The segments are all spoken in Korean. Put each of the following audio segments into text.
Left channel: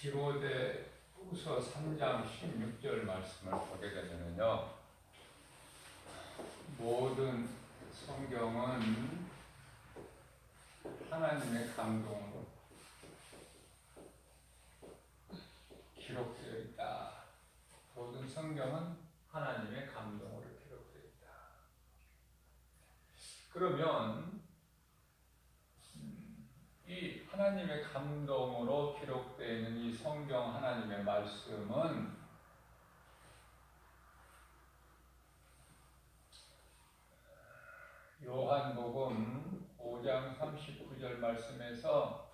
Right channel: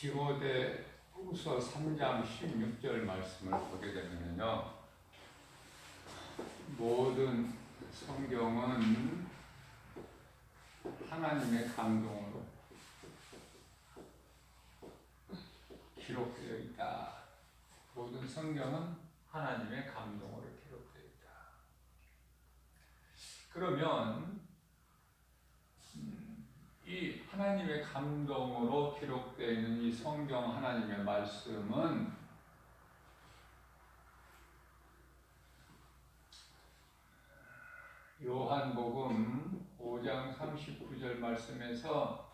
디모데 후서 3장 16절 말씀을 보게 되면요, 모든 성경은 하나님의 감동으로 기록되어 있다. 모든 성경은 하나님의 감동으로 기록되어 있다. 그러면 이 하나님의 감동으로 기록되어 있는 이 성경 하나님의 말씀은 요한복음 5장 39절 말씀에서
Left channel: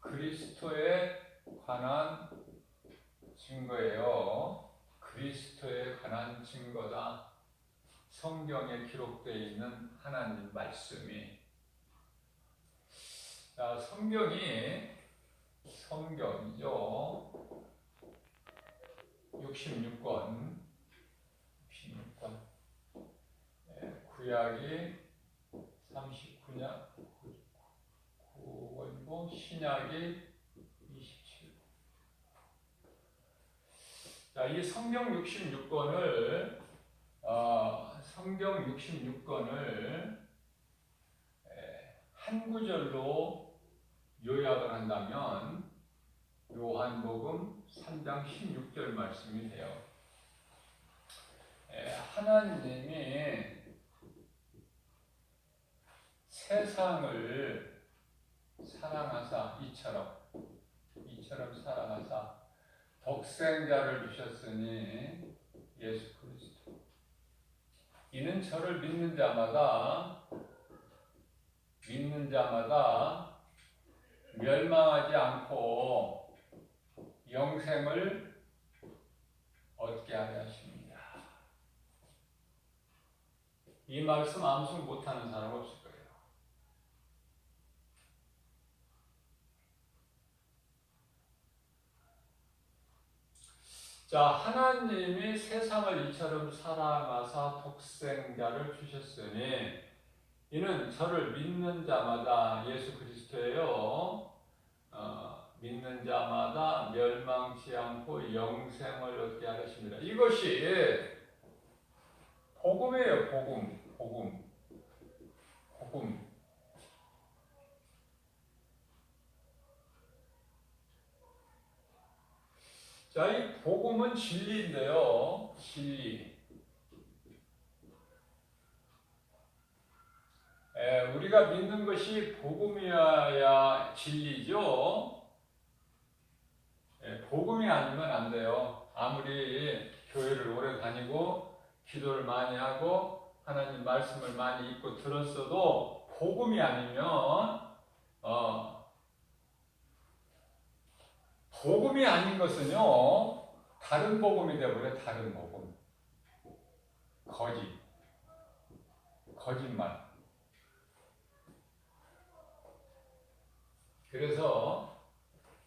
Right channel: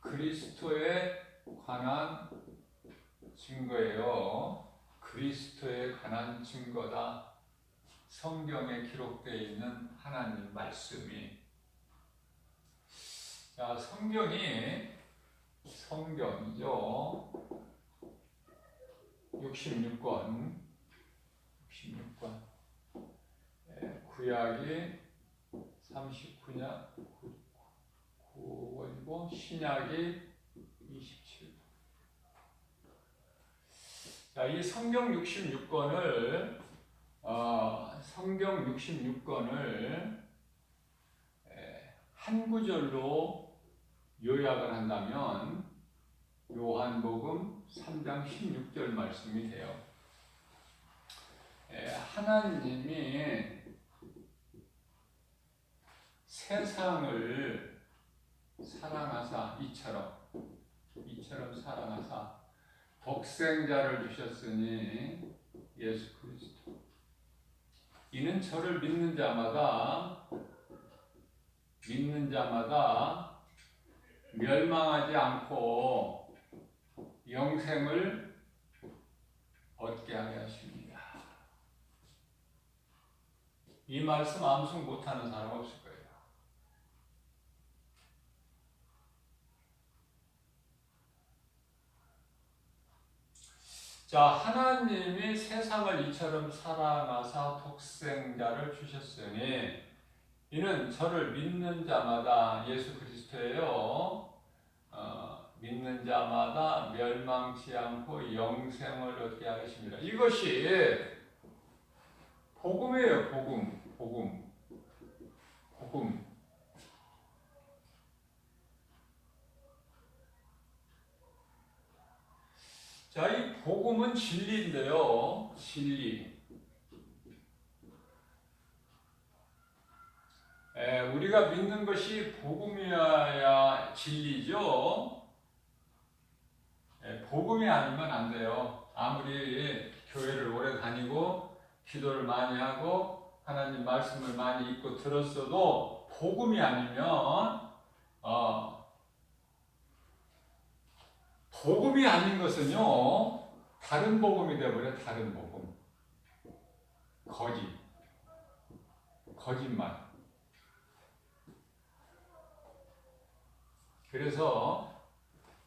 그리스도에 관한 증거예요. 그리스도에 관한 증거다. 성경에 기록되어 있는 하나님 말씀이. 자, 성경이죠. 66권. 구약이 39권이고 신약이 27권. 자, 이 성경 66권을 한 구절로 요약을 한다면 요한복음 3장 16절 말씀이 돼요. 하나님이 세상을 사랑하사 이처럼 사랑하사 독생자를 주셨으니 예수 그리스도 이는 저를 믿는 자마다 멸망하지 않고 영생을 얻게 하려 하십니다. 이 말씀 암송 못하는 사람 없을 거예요. 자, 하나님이 세상을 이처럼 사랑하사 독생자를 주셨으니 이는 저를 믿는 자마다 예수 그리스도예요. 믿는 자마다 멸망치 않고 영생을 얻게 하십니다. 이것이 복음이에요. 복음. 자, 이 복음은 진리인데요. 진리. 우리가 믿는 것이 복음이어야 진리죠. 복음이 아니면 안 돼요. 아무리 교회를 오래 다니고 기도를 많이 하고 하나님 말씀을 많이 읽고 들었어도 복음이 아니면 복음이 아닌 것은요, 다른 복음이 되어버려요. 다른 복음. 거짓말. 그래서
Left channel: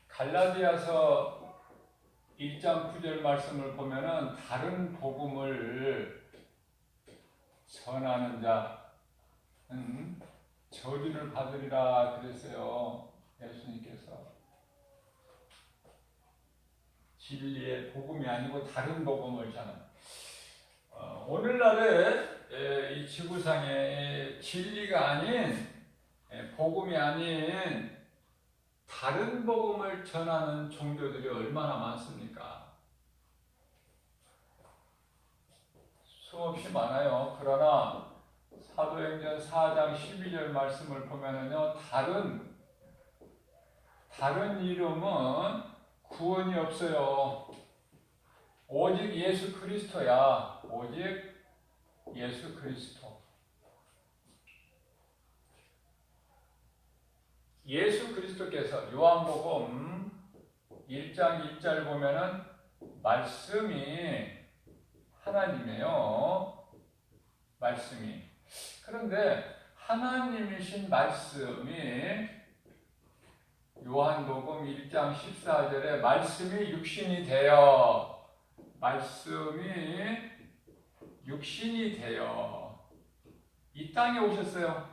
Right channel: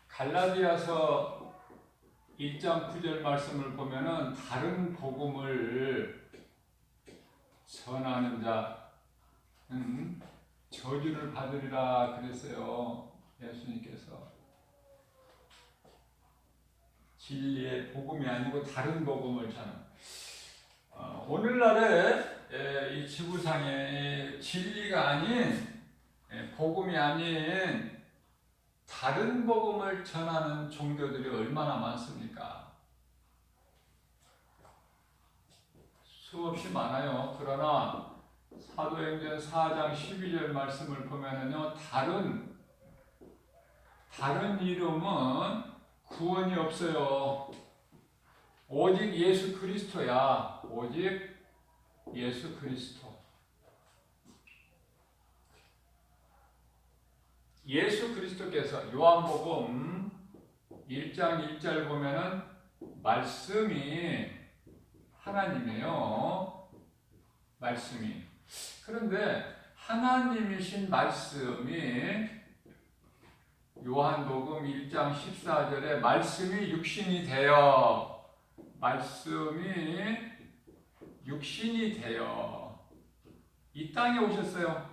갈라디아서 1장 9절 말씀을 보면은 다른 복음을 전하는 자는 저주를 받으리라 그랬어요. 예수님께서. 진리의 복음이 아니고 다른 복음을 전하는. 오늘날에 이 지구상에 진리가 아닌, 복음이 아닌 다른 복음을 전하는 종교들이 얼마나 많습니까? 수없이 많아요. 그러나 사도행전 4장 12절 말씀을 보면은요, 다른 이름은 구원이 없어요. 오직 예수 그리스도야. 오직 예수 그리스도. 예수 그리스도께서 요한복음 1장 1절 보면은 말씀이 하나님이에요. 말씀이. 그런데 하나님이신 말씀이 요한복음 1장 14절에 말씀이 육신이 되어 이 땅에 오셨어요.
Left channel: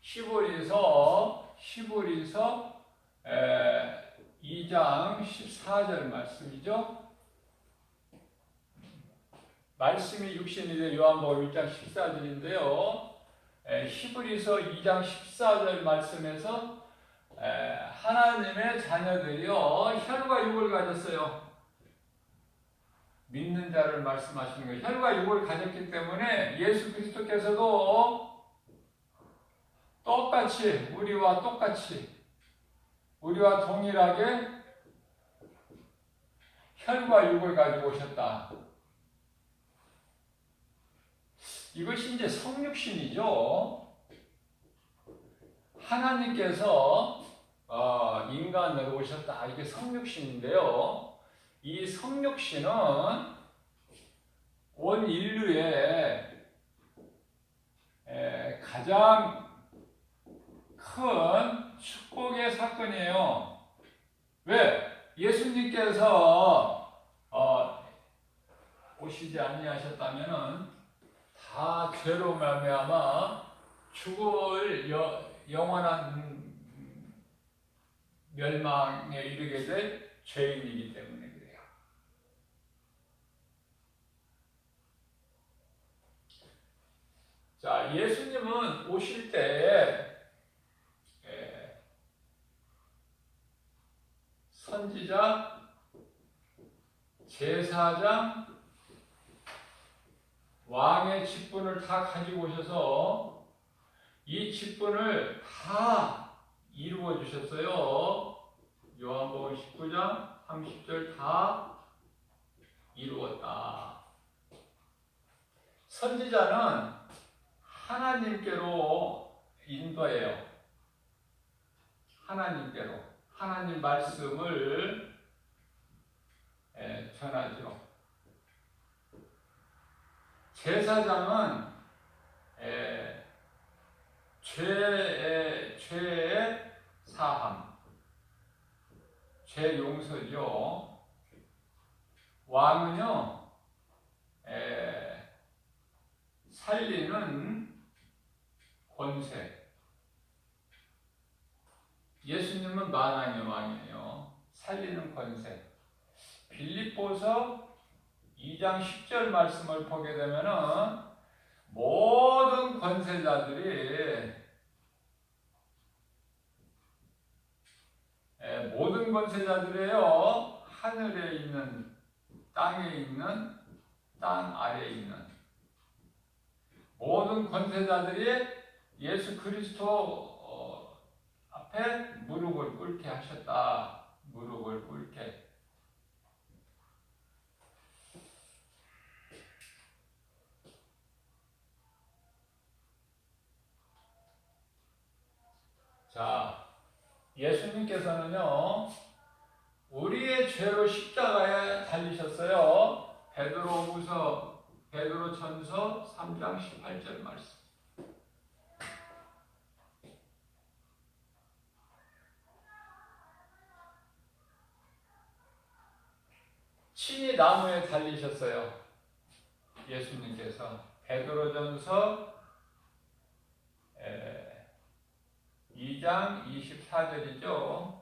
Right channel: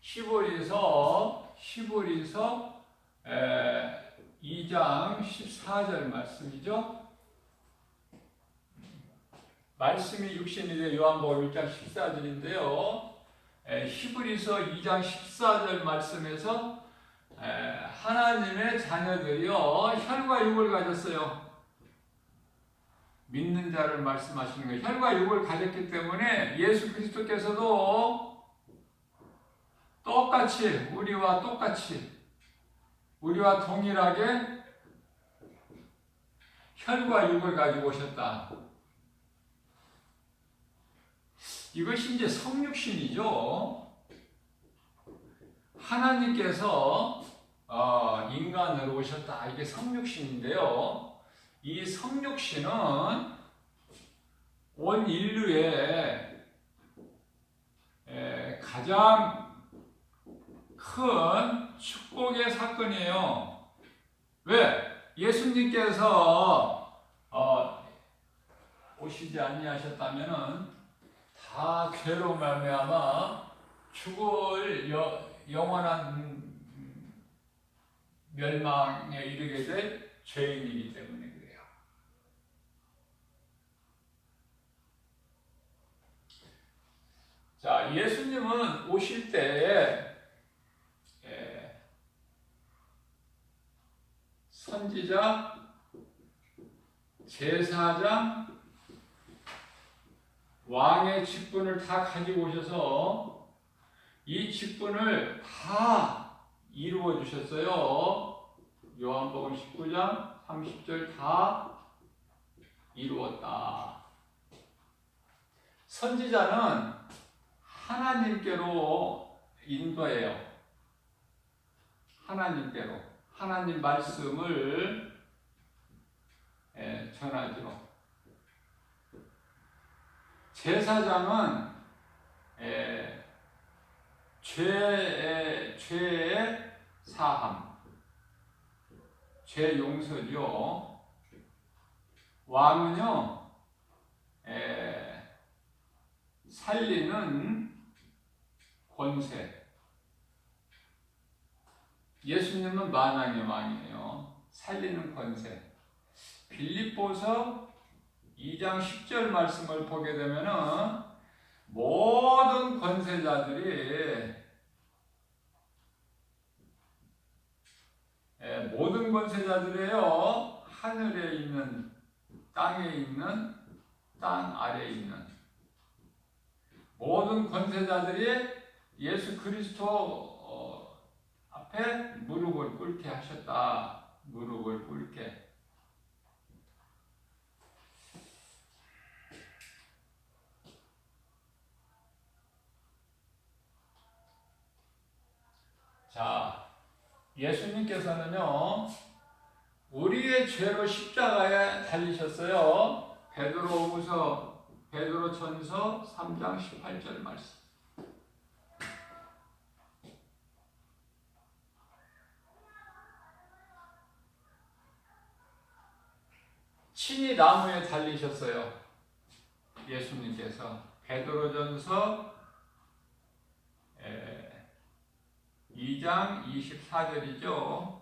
히브리서 히브리서 2장 14절 말씀이죠. 말씀이 육신이 되 요한복음 1장 14절인데요. 히브리서 2장 14절 말씀에서 하나님의 자녀들이요 혈과 육을 가졌어요. 믿는 자를 말씀하시는 거예요. 혈과 육을 가졌기 때문에 예수 그리스도께서도 똑같이 우리와 동일하게 혈과 육을 가지고 오셨다. 이것이 이제 성육신이죠. 하나님께서 인간으로 오셨다. 이게 성육신인데요. 이 성육신은 온 인류의 가장 큰 축복의 사건이에요. 왜? 예수님께서 오시지 아니하셨다면은 다 죄로 말미암아 죽을 영원한 멸망에 이르게 될 죄인이기 때문에 그래요. 자, 예수님은 오실 때에 선지자, 제사장, 왕의 직분을 다 가지고 오셔서 이 직분을 다 이루어 주셨어요. 요한복음 19장 30절 다 이루었다. 선지자는 하나님께로 인도해요. 하나님께로. 하나님 말씀을 전하죠. 제사장은 죄의 사함, 죄 용서죠. 왕은요, 살리는 권세. 예수님은 만왕의 왕이에요. 살리는 권세. 빌립보서 2장 10절 말씀을 보게 되면은 모든 권세자들이에요. 하늘에 있는, 땅에 있는, 땅 아래에 있는 모든 권세자들이 예수 그리스도 앞에 무릎을 꿇게 하셨다. 무릎을 꿇게. 자, 예수님께서는요, 우리의 죄로 십자가에 달리셨어요. 베드로전서 3장 18절 말씀. 친히 나무에 달리셨어요. 예수님께서. 베드로전서 2장 24절이죠.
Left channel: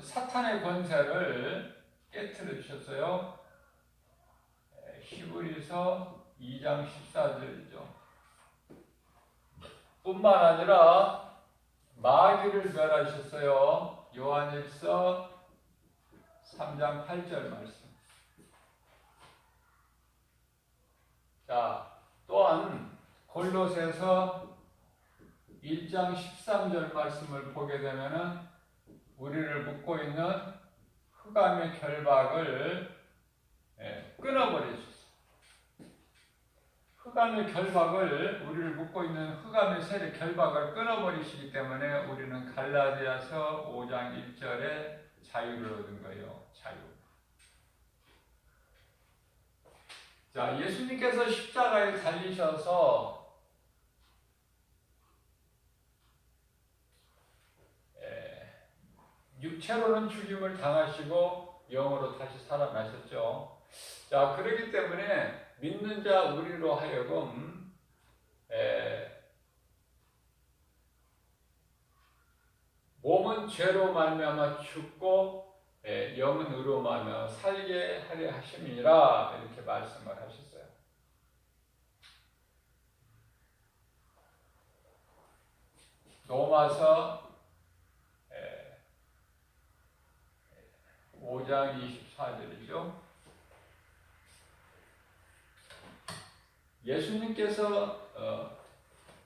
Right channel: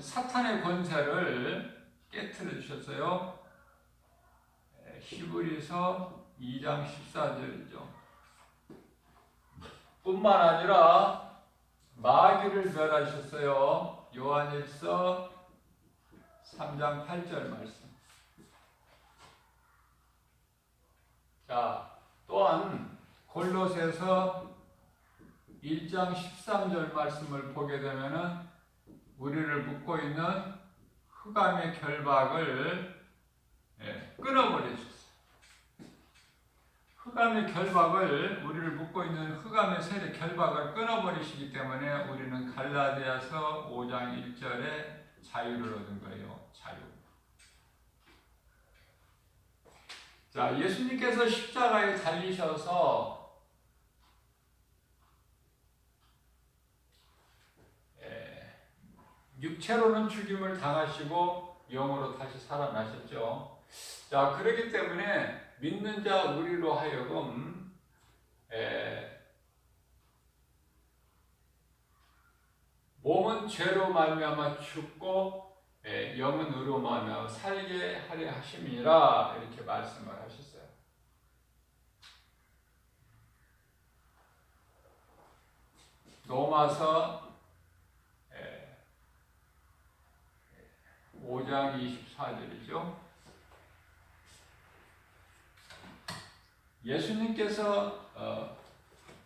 사탄의 권세를 깨트려 주셨어요. 히브리서 2장 14절이죠. 뿐만 아니라 마귀를 멸하셨어요. 요한일서 3장 8절 말씀. 자, 또한 골로새서 1장 13절 말씀을 보게 되면은 우리를 묶고 있는 흑암의 결박을 끊어버리셨어요. 흑암의 결박을, 우리를 묶고 있는 흑암의 세력 결박을 끊어버리시기 때문에 우리는 갈라디아서 5장 1절에 자유를 얻은 거예요. 자유. 자, 예수님께서 십자가에 달리셔서 육체로는 죽임을 당하시고 영으로 다시 살아나셨죠. 자, 그렇기 때문에 믿는 자 우리로 하여금 몸은 죄로 말미암아 죽고 영은 의로 말미암아 살게 하려 하심이라 이렇게 말씀을 하셨어요. 로마서 5장 24절이죠. 예수님께서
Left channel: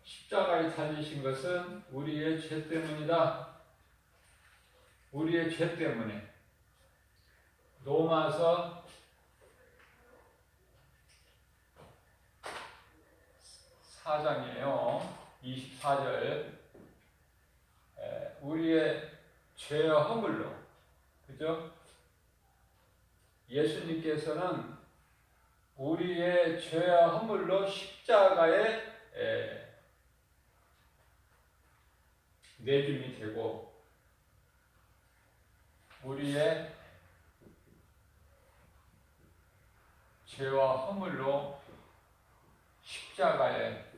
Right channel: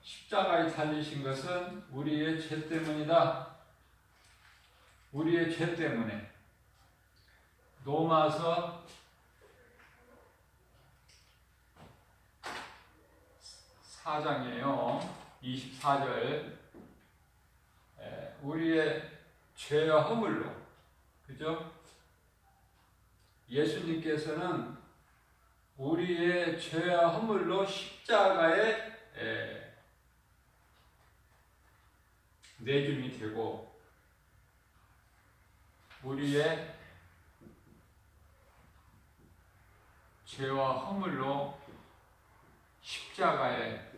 십자가에 달리신 것은 우리의 죄 때문이다. 우리의 죄 때문에. 로마서 4장이에요. 24절. 우리의 죄와 허물로. 그죠? 예수님께서는 우리의 죄와 허물로 십자가에 내줌이 되고 우리의 죄와 허물로 십자가에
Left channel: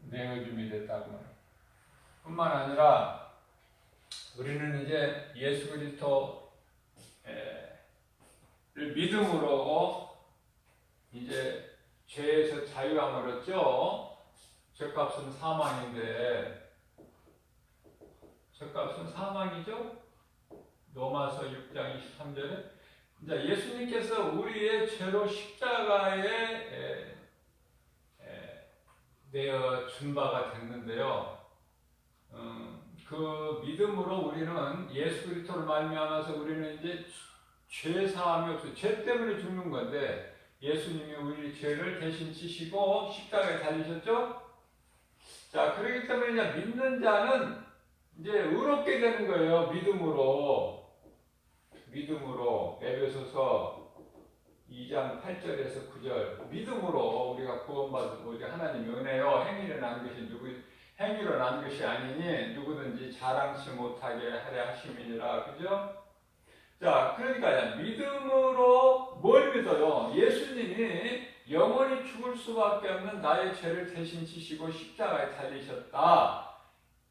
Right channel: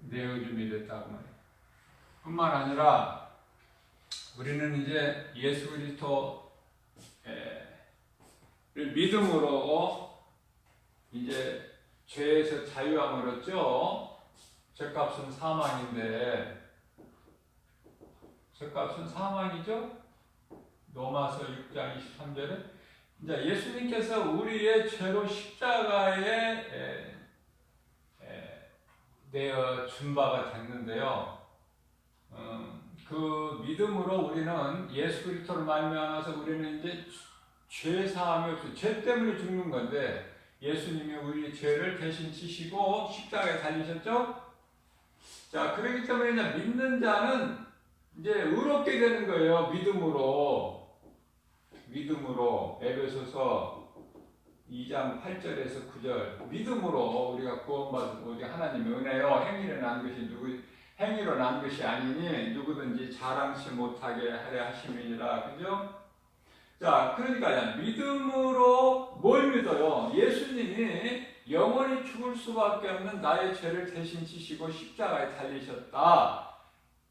내어줌이 됐다고 말해요. 뿐만 아니라 우리는 이제 예수 그리스도를 믿음으로 이제 죄에서 자유함을 얻죠. 죄값은 사망인데 죄값은 사망이죠. 로마서 6장 23절에 이제 예수님께서 우리의 죄로 십자가에 내어 준 바가 됐는데요. 그 믿음으로 우리는 예수 그리스도를 말미암아서 우리는 이제 죄 사함이 없어요. 죄 때문에 죽는 건데 예수님이 우리 죄를 대신 지시고 십자가에 달리셨죠. 자, 그렇기 때문에 이제 믿는 자는 이제 의롭게 되는 거예요. 믿음으로 에베소서 2장 8절에서 9절 믿음으로 우리가 구원받은 우리 하나님의 은혜요 행위로 난 것이 행위로 난 것이 아니니 누구든지 자랑치 못하게 하려 하심이니라. 그죠? 자, 그러니까 믿음으로 뭘 믿어요? 예수님이 영원히 죽을 수밖에 없는 나의 죄를 대신 지시고 십자가에 달리셨다.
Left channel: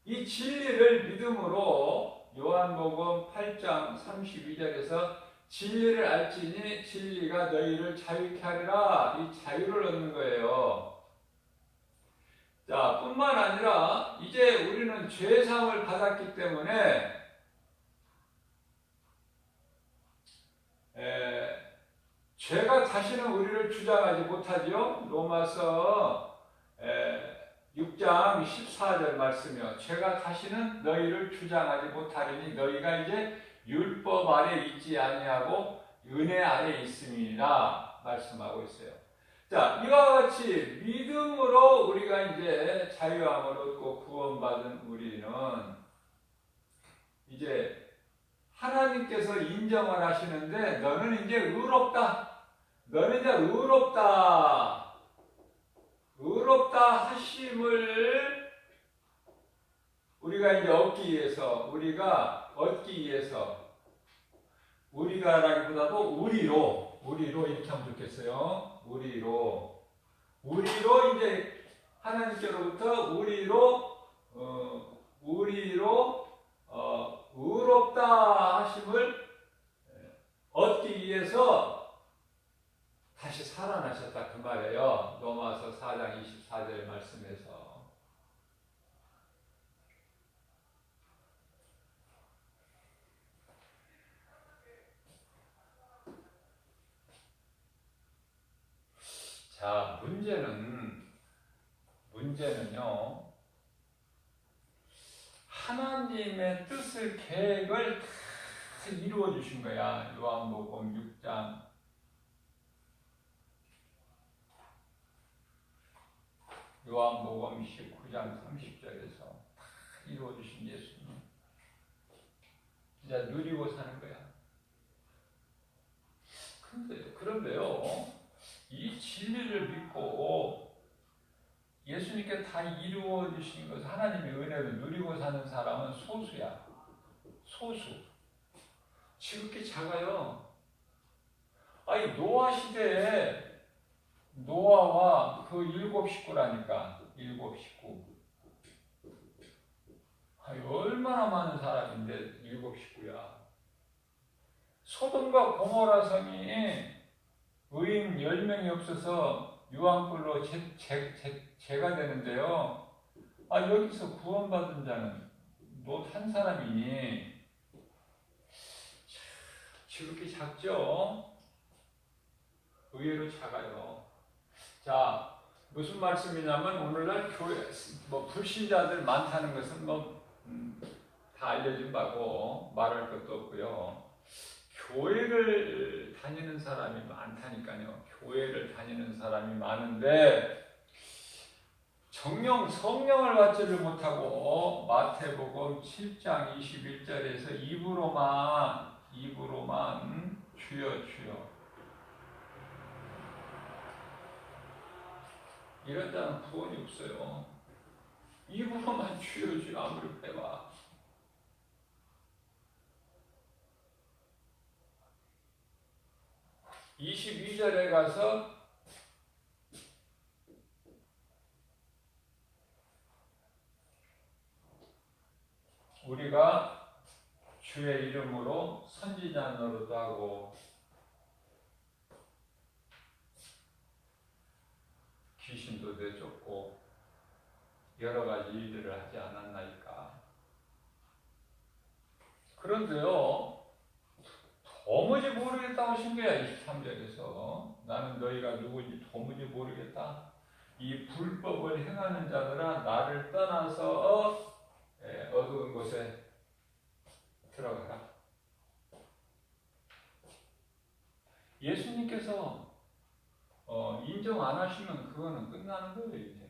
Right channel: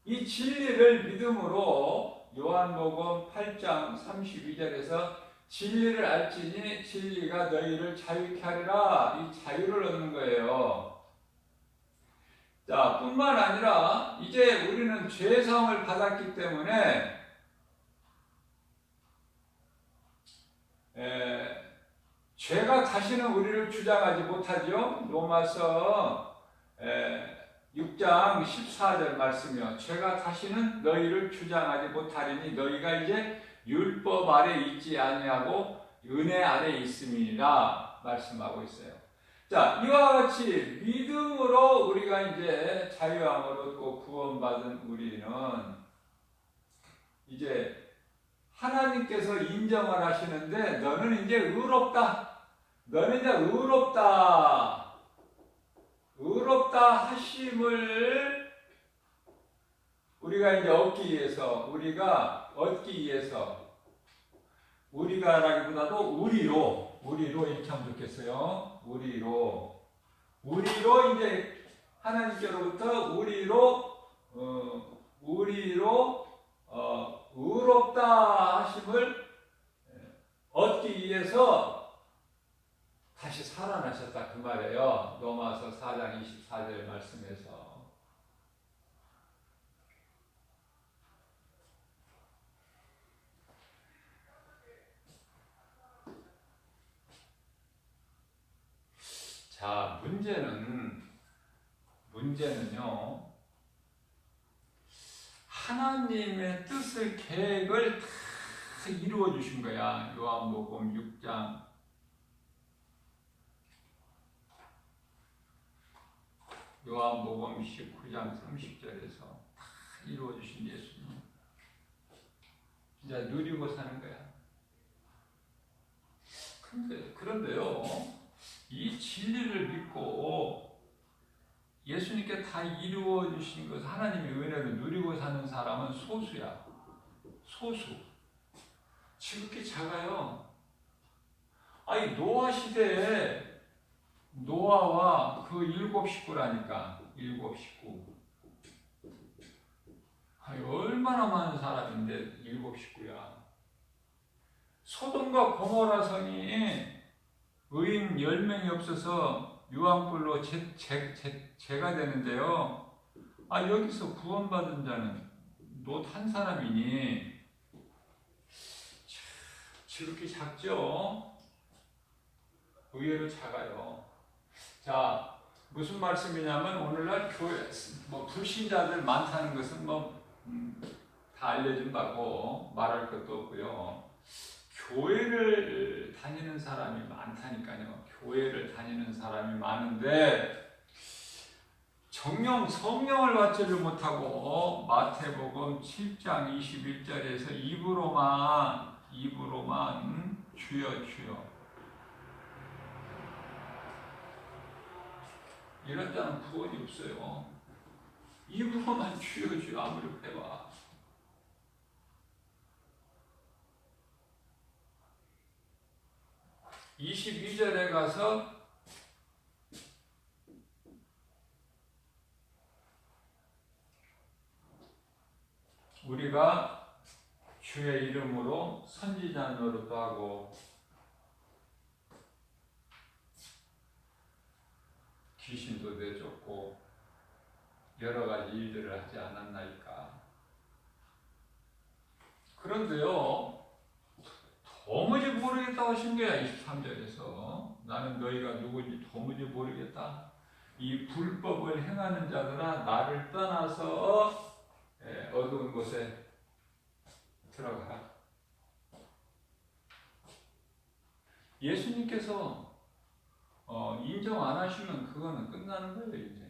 이 진리를 믿음으로 요한복음 8장 32절에서 진리를 알지니 진리가 너희를 자유케 하리라. 이 자유를 얻는 거예요. 자, 뿐만 아니라 이제 우리는 죄사함을 받았기 때문에 죄가 다시는 우리를 주장하지 못하죠. 로마서 6장 14절 말씀이요. 죄가 다시는 너희를 주장하지 못하리니 너희가 이제 율법 아래 있지 아니하고 은혜 아래 있음이니라 말씀하고 있어요. 자, 이와 같이 믿음으로 우리가 이제 자유함을 얻고 구원받은 우리는 이제 하나님께서 인정을 하시는데 너는 이제 의롭다. 너는 이제 의롭다. 의롭다 하심을 우리가 이제 얻기 위해서 우리가라기보다도 우리로 이렇게 하면 좋겠어요. 우리로 이제 하나님께로부터 의롭다 하심을 얻기 위해서 다시 살아나셨다 그 말이에요. 로마서 4장 24절 말씀에서. 자, 문제는요, 하나님의 뜻을, 계획을 다 이루어 주신 거야. 요한복음 6장. 요한복음 19장 30절에서 다 이루어 주신 예수님. 진짜 누리고 사는 거야. 그런데요, 이 진리를 믿고 예수님께 다 이루어 주신 것, 하나님의 은혜를 누리고 사는 사람은 소수야. 소수. 지극히 작아요. 아니 노아 시대에 노아와 그 7식구라니까. 7식구. 아니 얼마나 많은 사람인데 7식구야. 소돔과 고모라 성이 의인 10명이 없어서 유황불로 제가 되는데요. 아 여기서 구원받은 자는 롯 한 사람이니 지극히 작죠? 의외로 작아요. 자, 무슨 말씀이냐면 오늘날 교회 불신자들 많다는 것은 다 알려진 바고 말할 것도 없고요. 교회를 다니는 사람이 많다니까요. 교회를 다니는 사람이 많은데 성령을 받지를 못하고 마태복음 7장 21절에서 입으로만 주여 주여 이런 자는 구원이 없어요. 입으로만 주여 주여 아무리 해봐. 22절에 가서 우리가 주의 이름으로 선지자 노릇도 하고 귀신도 내쫓고 여러 가지 일들을 하지 않았나이까. 그런데요, 도무지 모르겠다고 하신 거야. 23절에서 나는 너희가 누구인지 도무지 모르겠다. 이 불법을 행하는 자들아 나를 떠나서 어두운 곳에 들어가라. 예수님께서 인정 안 하시면 그거는 끝나는 거예요. 이제.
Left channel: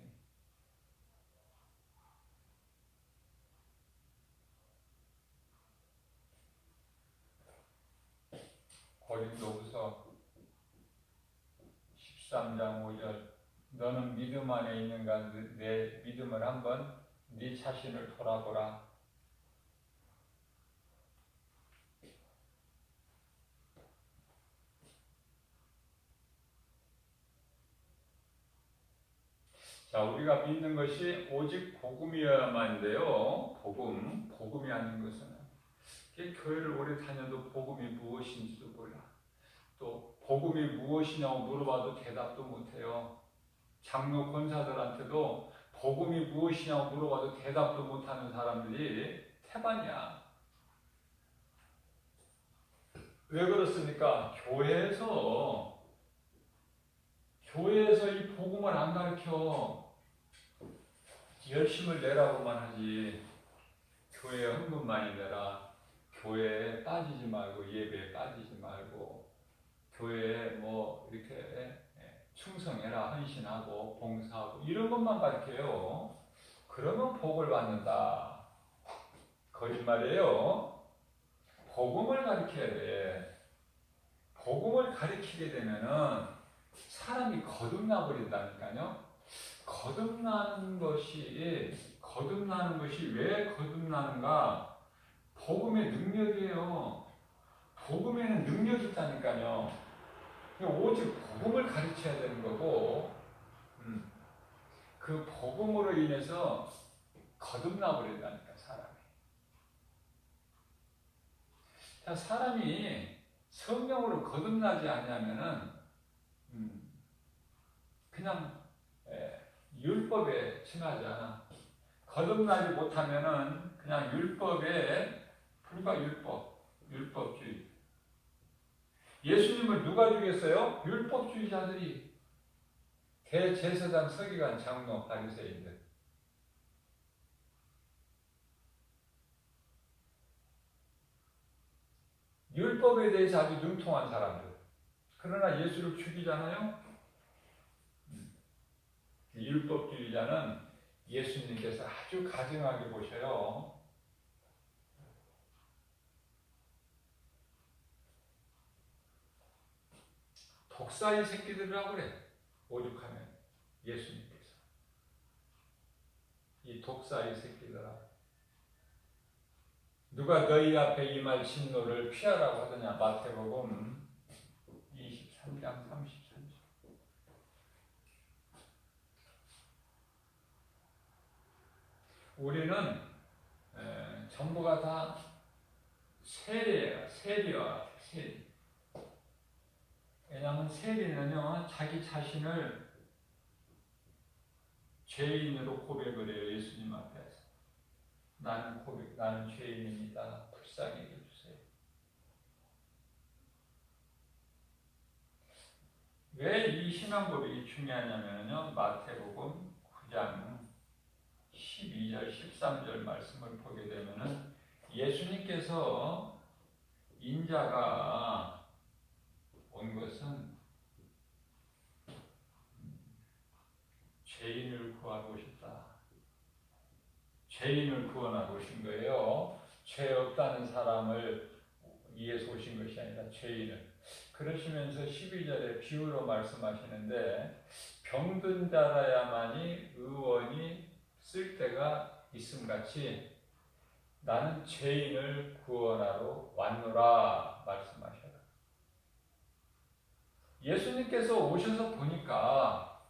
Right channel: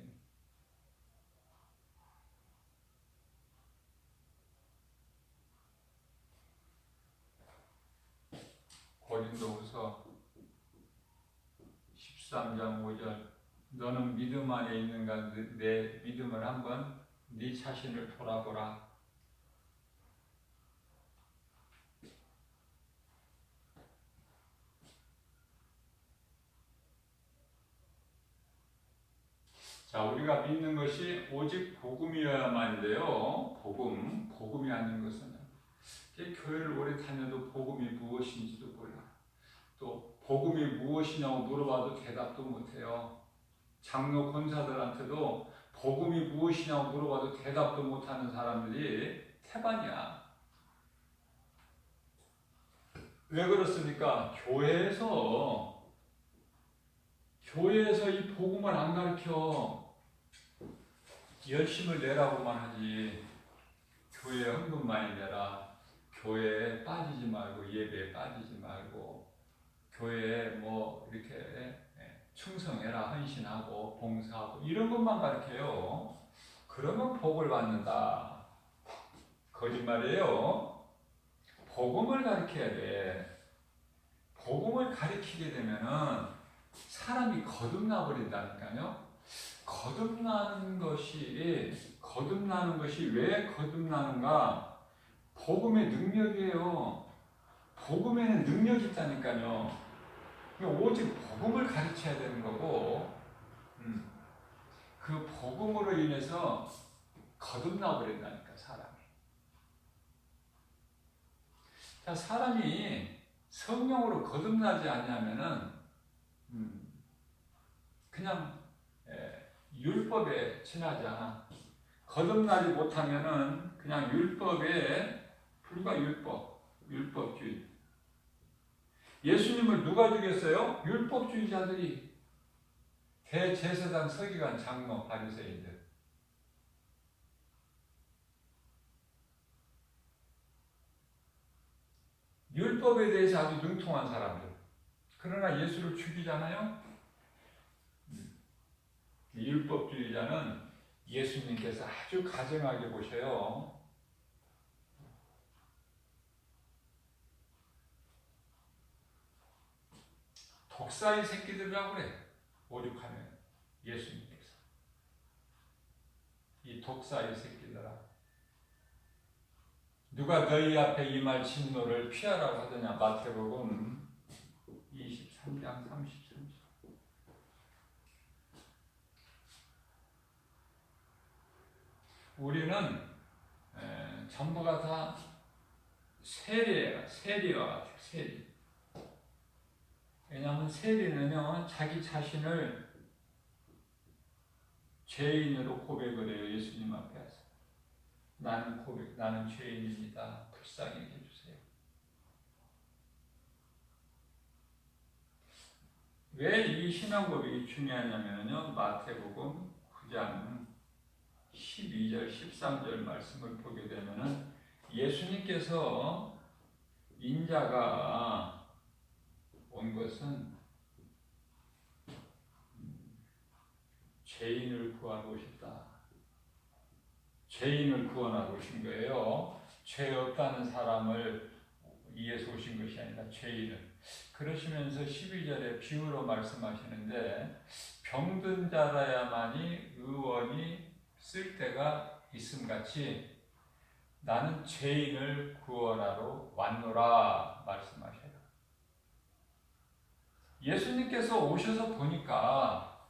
고린도후서 13장 5절 너는 믿음 안에 있는가 내 믿음을 한번 네 자신을 돌아보라. 자, 우리가 믿는 것이 오직 복음이어야만인데요. 복음이 아닌 것은 교회를 오래 다녀도 복음이 무엇인지도 몰라. 또 복음이 무엇이냐고 물어봐도 대답도 못해요. 장로 권사들한테도 복음이 무엇이냐고 물어봐도 대답도 못하는 사람들이 태반이야. 왜 그렇습니까? 교회에서 이 복음을 안 가르쳐. 열심을 내라고만 하지. 교회에 헌금 많이 내라. 교회에 빠지지 말고 예배에 빠지지 말고 교회에 이렇게 충성해라, 헌신하고 봉사하고 이런 것만 가르쳐요. 그러면 복을 받는다. 거짓말이에요. 복음을 가르쳐야 돼. 복음을 가르치게 되면은 사람이 거듭나 버린다니까요. 거듭나는 것이 왜 거듭나는가? 복음의 능력이에요. 복음에는 능력이 있다니까요. 오직 복음을 가르쳐야 되는 거고, 그 복음으로 인해서 거듭나 버린다니까, 사람이. 자, 사람이 성령으로 거듭나지 않냐면은, 그냥, 율법에 지나지 않아. 거듭나지 못하면은 그냥 율법에 불과 율법주의. 예수님을 누가 죽였어요? 율법주의자들이. 대제사장, 서기관, 장로, 바리새인들. 율법에 대해서 아주 융통한 사람들. 그러나 예수를 죽이잖아요. 율법주의자는 예수님께서 아주 가증하게 보셔요. 독사의 새끼들이라고 그래. 오죽하면 예수님께서. 이 독사의 새끼들아. 누가 너희 앞에 임할 진노를 피하라고 하더냐. 마태복음 24장. 13장 33절. 우리는 전부가 다 세리예요. 세리와 같아요. 세리. 왜냐하면 세리는요, 자기 자신을 죄인으로 고백을 해요. 예수님 앞에서. 나는 죄인입니다. 불쌍히 해주세요. 왜 이 신앙 고백이 중요하냐면요, 마태복음 9장 12절, 13절 말씀을 보게 되면은 예수님께서 인자가 온 것은 죄인을 구하고 오셨다. 죄인을 구원하고 오신 거예요. 죄 없다는 사람을 위해서 오신 것이 아니라 죄인을. 그러시면서 12절에 비유로 말씀하시는데 병든 자라야만이 의원이 쓸 때가 있음같이 나는 죄인을 구원하러 왔노라 말씀하셔요. 예수님께서 오셔서 보니까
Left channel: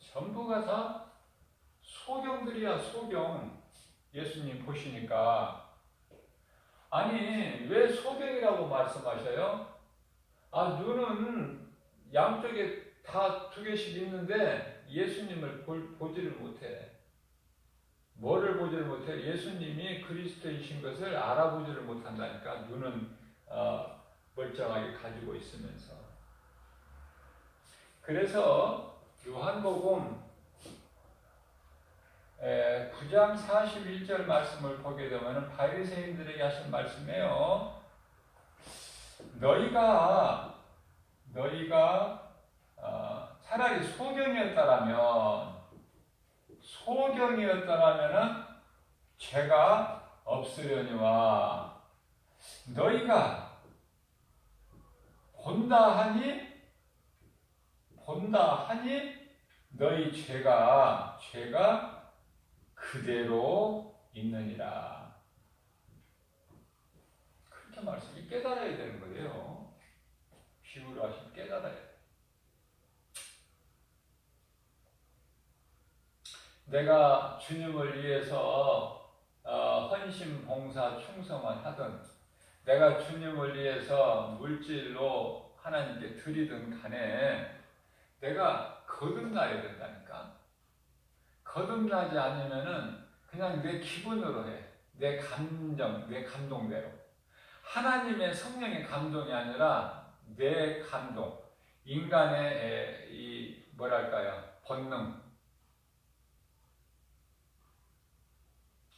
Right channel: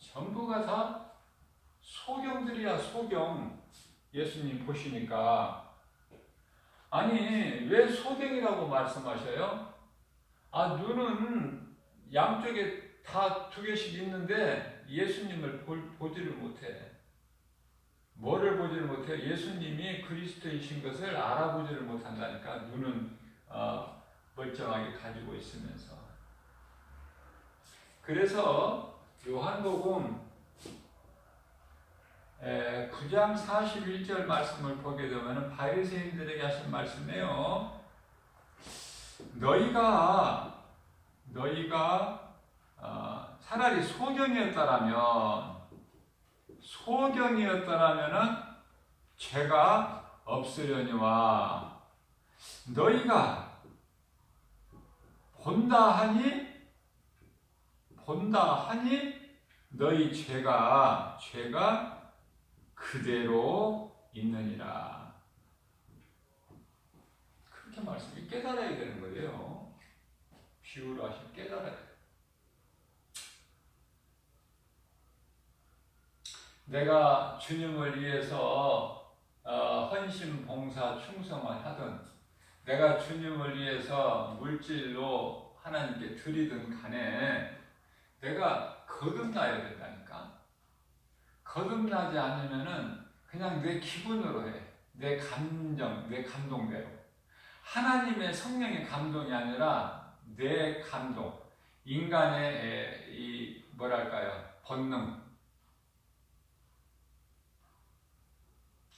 전부가 다 소경들이야, 소경. 예수님 보시니까. 아니, 왜 소경이라고 말씀하셔요? 눈은 양쪽에 다 두 개씩 있는데 예수님을 보지를 못해. 뭐를 보지를 못해요? 예수님이 그리스도이신 것을 알아보지를 못한다니까. 눈은 멀쩡하게 가지고 있으면서. 그래서 요한복음 9장 41절 말씀을 보게 되면 바리새인들에게 하신 말씀이에요. 너희가 차라리 소경이었다라면은 죄가 없으려니와 너희가 본다 하니 너희 죄가 그대로 있느니라. 그렇게 말씀이 깨달아야 되는 거예요. 비유로 하시면 깨달아야 돼요. 내가 주님을 위해서 헌신, 봉사, 충성을 하든 내가 주님을 위해서 물질로 하나님께 드리든 간에 내가 거듭나야 된다니까. 거듭나지 않으면은 그냥 내 기분으로 해. 내 감정, 내 감동대로. 하나님의 성령의 감동이 아니라 내 감동. 인간의 본능.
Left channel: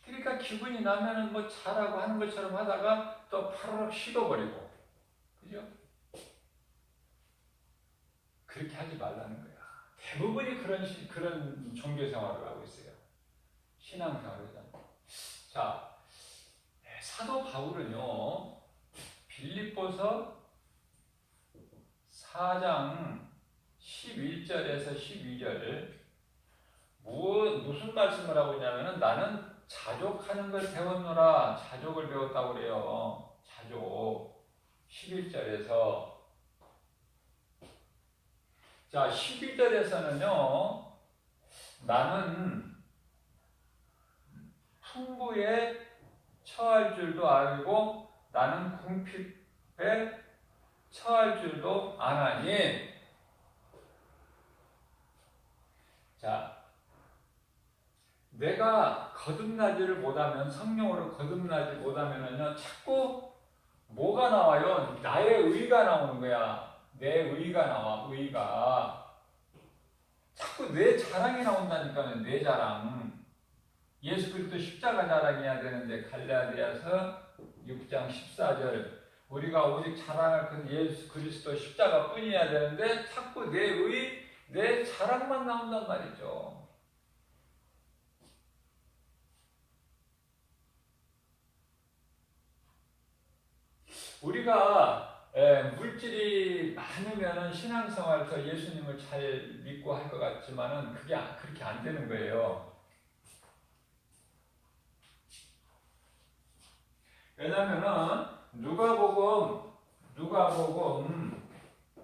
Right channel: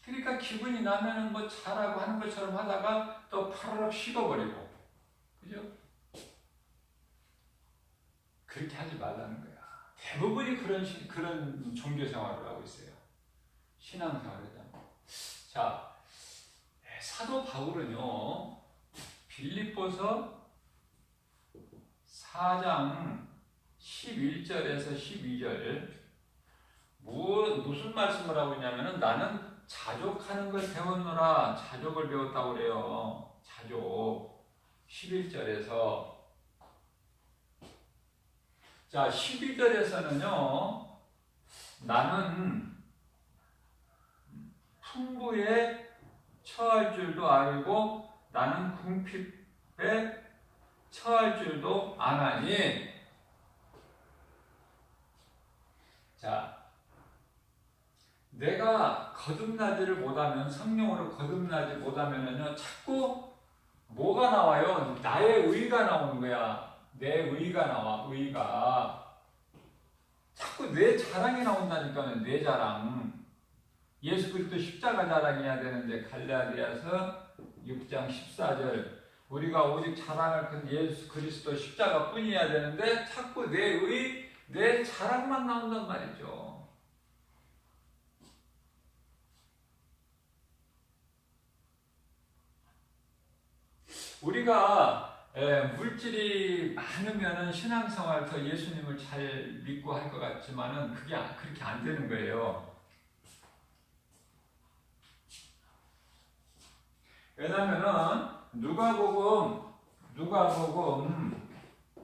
그러니까 기분이 나면은 뭐 잘하고 하는 것처럼 하다가 또 파르륵 식어버리고. 그죠? 그렇게 하지 말라는 거야. 대부분이 그런 종교 생활을 하고 있어요. 신앙 생활을 하잖아요. 자, 사도 바울은요, 빌립보서 4장 11절에서 12절, 무슨 말씀을 하고 있냐면은 나는 자족하는 걸 배웠노라. 자족을 배웠다고 그래요. 자족. 11절에서. 자, 12절에서는요, 나는 풍부에 처할 줄도 알고 나는 궁핍에 처할 줄도 아나니. 자, 내가 거듭나지를 못하면, 성령으로 거듭나지 못하면은요, 자꾸 뭐가 나와요? 나의 의가 나오는 거야. 내 의가 나와, 의가. 자꾸 내 자랑이 나온다니까, 내 자랑. 예수 그리스도 십자가 자랑해야 되는데, 갈라디아서 6장 14절. 우리가 오직 자랑할 건 예수 그리스도 십자가 뿐이어야 되는데, 자꾸 내 의, 내 자랑만 나온단 말이죠. 우리가 물질이 많으면 신앙생활 더 예수님을 잘 믿고 할 것 같지만은 그게 그렇게 안 되는 거예요. 왜냐면은 누가복음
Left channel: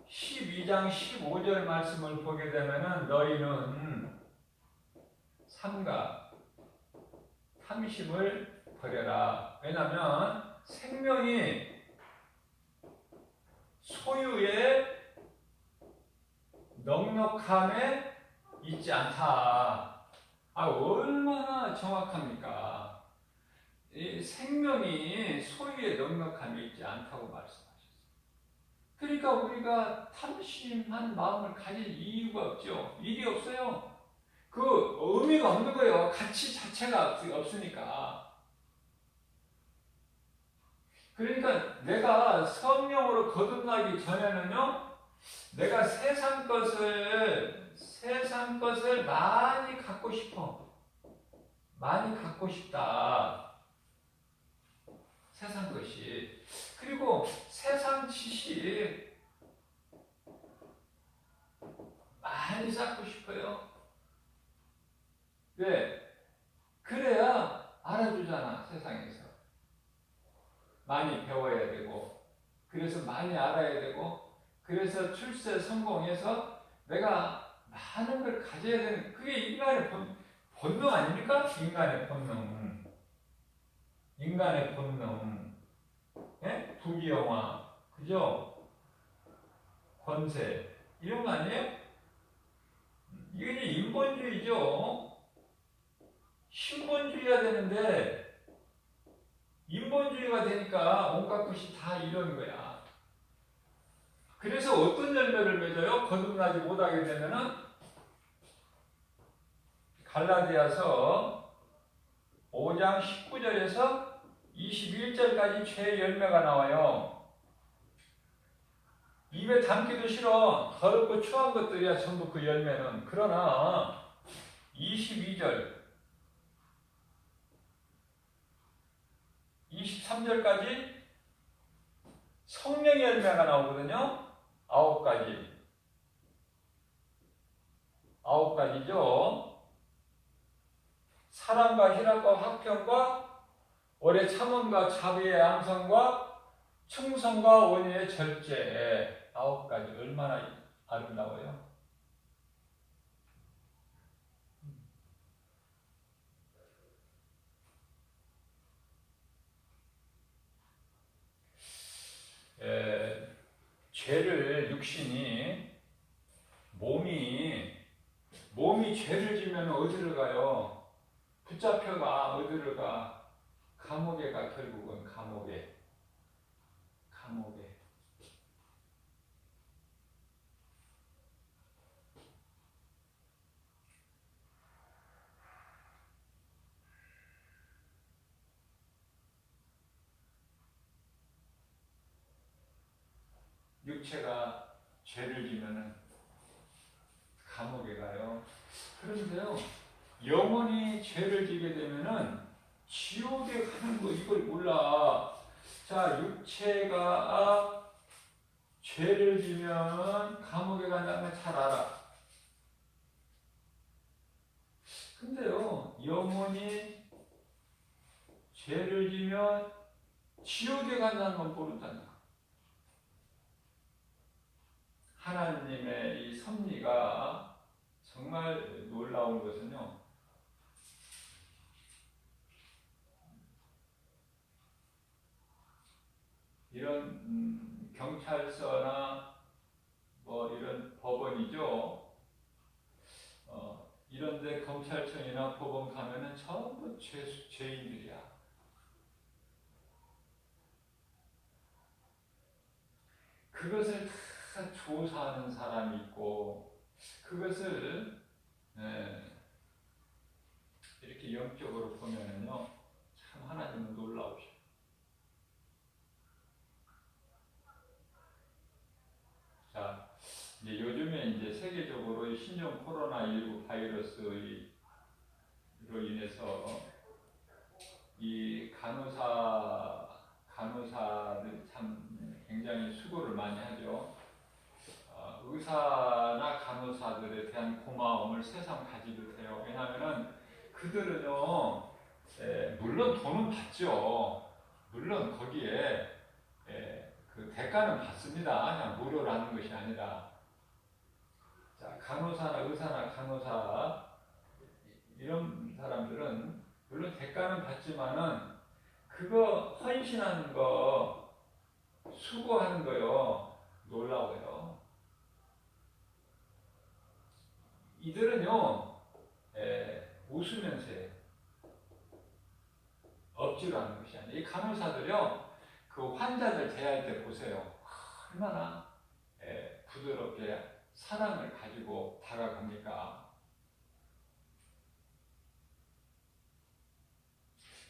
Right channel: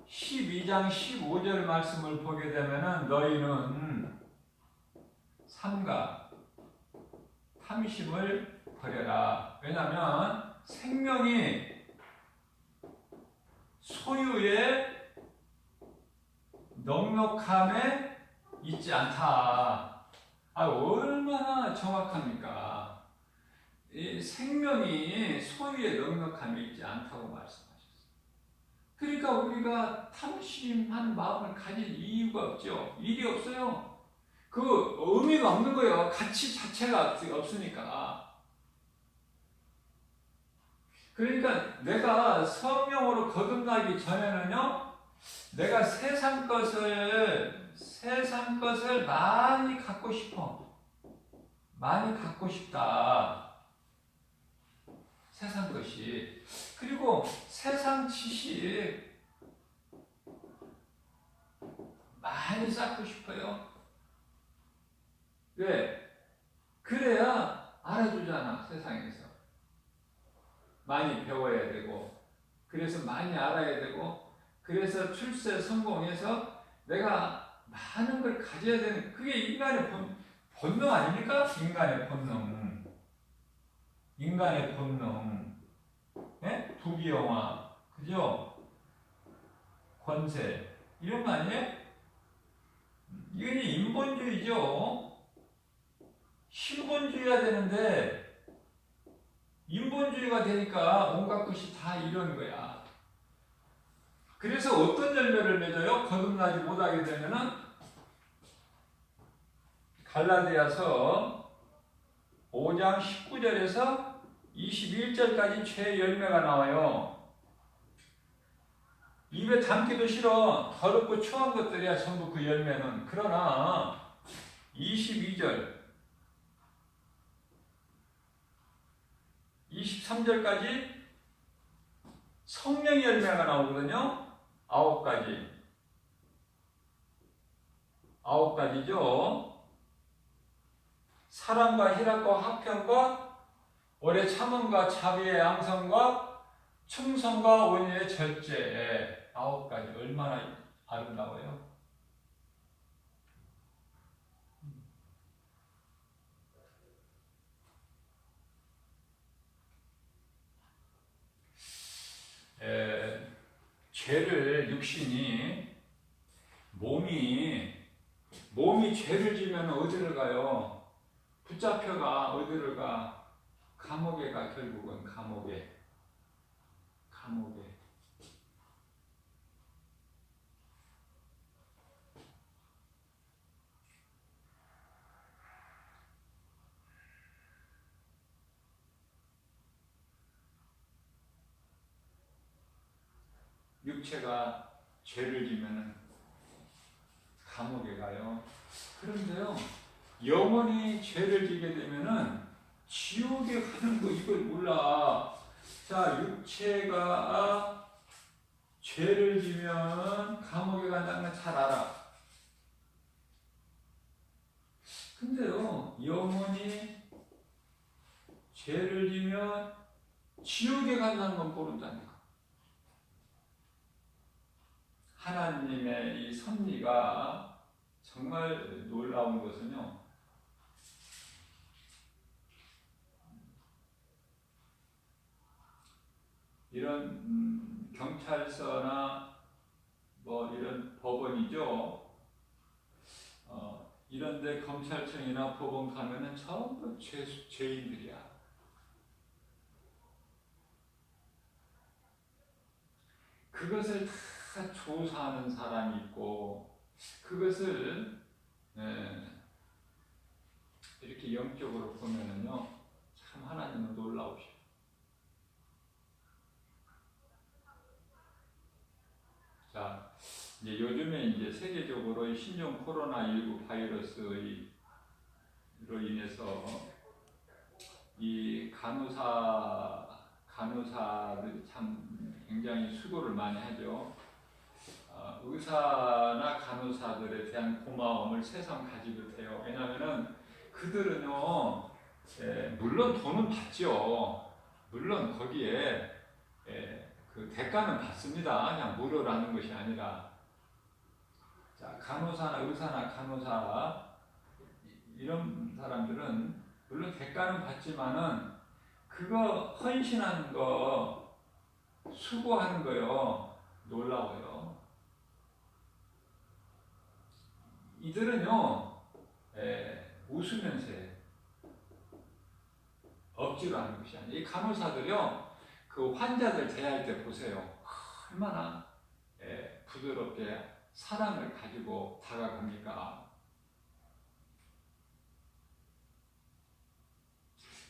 12장 2장 15절 말씀을 보게 되면은 너희는 삼가 탐심을 버려라. 왜냐하면 생명이 소유의 넉넉함에 있지 않다. 얼마나 정확합니까? 이 생명이 소유의 넉넉함에 있지 않다고 말씀하셨어요. 그러니까 우리가 탐심한 마음을 가질 이유가 없죠. 일이 없어요. 그 의미가 없는 거예요. 가치 자체가 없으니까. 그러니까 내가 성령으로 거듭나기 전에는요, 내가 세상 것을 많이 갖고 싶어. 많이 갖고 싶다. 세상 것이. 그리고 세상 지식 많이 쌓고 싶어요. 왜? 그래야 알아주잖아, 세상에서. 많이 배워야 되고, 그래서 많이 알아야 되고, 그래서 출세 성공해서 내가 많은 걸 가져야 되는, 그게 인간의 본능 아닙니까? 인간의 본능. 인간의 본능. 네? 부귀영화. 그죠? 권세. 이런 거 아니에요? 이건 인본주의죠. 신본주의가 되는데, 인본주의가 되니까 온갖 것이 다 이런 거야. 그래서 어떤 열매를 맺어요? 거듭나지 못하게 되면은 갈라디아서 5장 19절에서 21절까지 죄의 열매가 나와요. 입에 담기도 싫어. 더럽고 추한 것들이야 전부 그 열매는. 그러나 22절 23절까지 성령의 열매가 나오거든요. 9가지죠. 사랑과 희락과 화평과 오래 참음과 자비의 양성과 충성과 온유의 절제. 9가지. 얼마나 아름다워요. 죄를 육신이 몸이 죄를 지면 어디를 가요? 붙잡혀가. 어디를 가? 감옥에 가. 결국은 감옥에. 육체가 죄를 지면은 감옥에 가요. 그런데요, 영원히 죄를 지게 되면은 지옥에 가는 거 이걸 몰라. 자, 육체가 죄를 지면 감옥에 간다는 걸 잘 알아. 근데요, 영원히 죄를 지면 지옥에 간다는 건 모른다니까. 하나님의 이 섭리가 정말 놀라운 것은요, 이런 경찰서나 뭐 이런 법원이죠. 이런데 검찰청이나 법원 가면은 전부 죄인들이야. 그것을 다 조사하는 사람이 있고, 그것을 이렇게 영적으로 보면은요, 참 하나님은 놀라우셔. 자, 이제 요즘에 이제 세계적으로 신종 코로나19 바이러스로 인해서 이 간호사들 참 굉장히 수고를 많이 하죠. 의사나 간호사들에 대한 고마움을 세상 가지 못해요. 왜냐하면은 그들은요, 물론 돈은 받죠. 물론 거기에 그 대가는 받습니다. 그냥 무료로 하는 것이 아니라. 자, 간호사나 의사나 간호사 이런 사람들은 물론 대가는 받지만은 그거 헌신하는 거 수고하는 거요 놀라워요. 이들은요 웃으면서 해. 억지로 하는 것이 아니에요. 이 간호사들요 그 환자들 대할 때 보세요. 얼마나 부드럽게 사랑을 가지고 다가갑니까?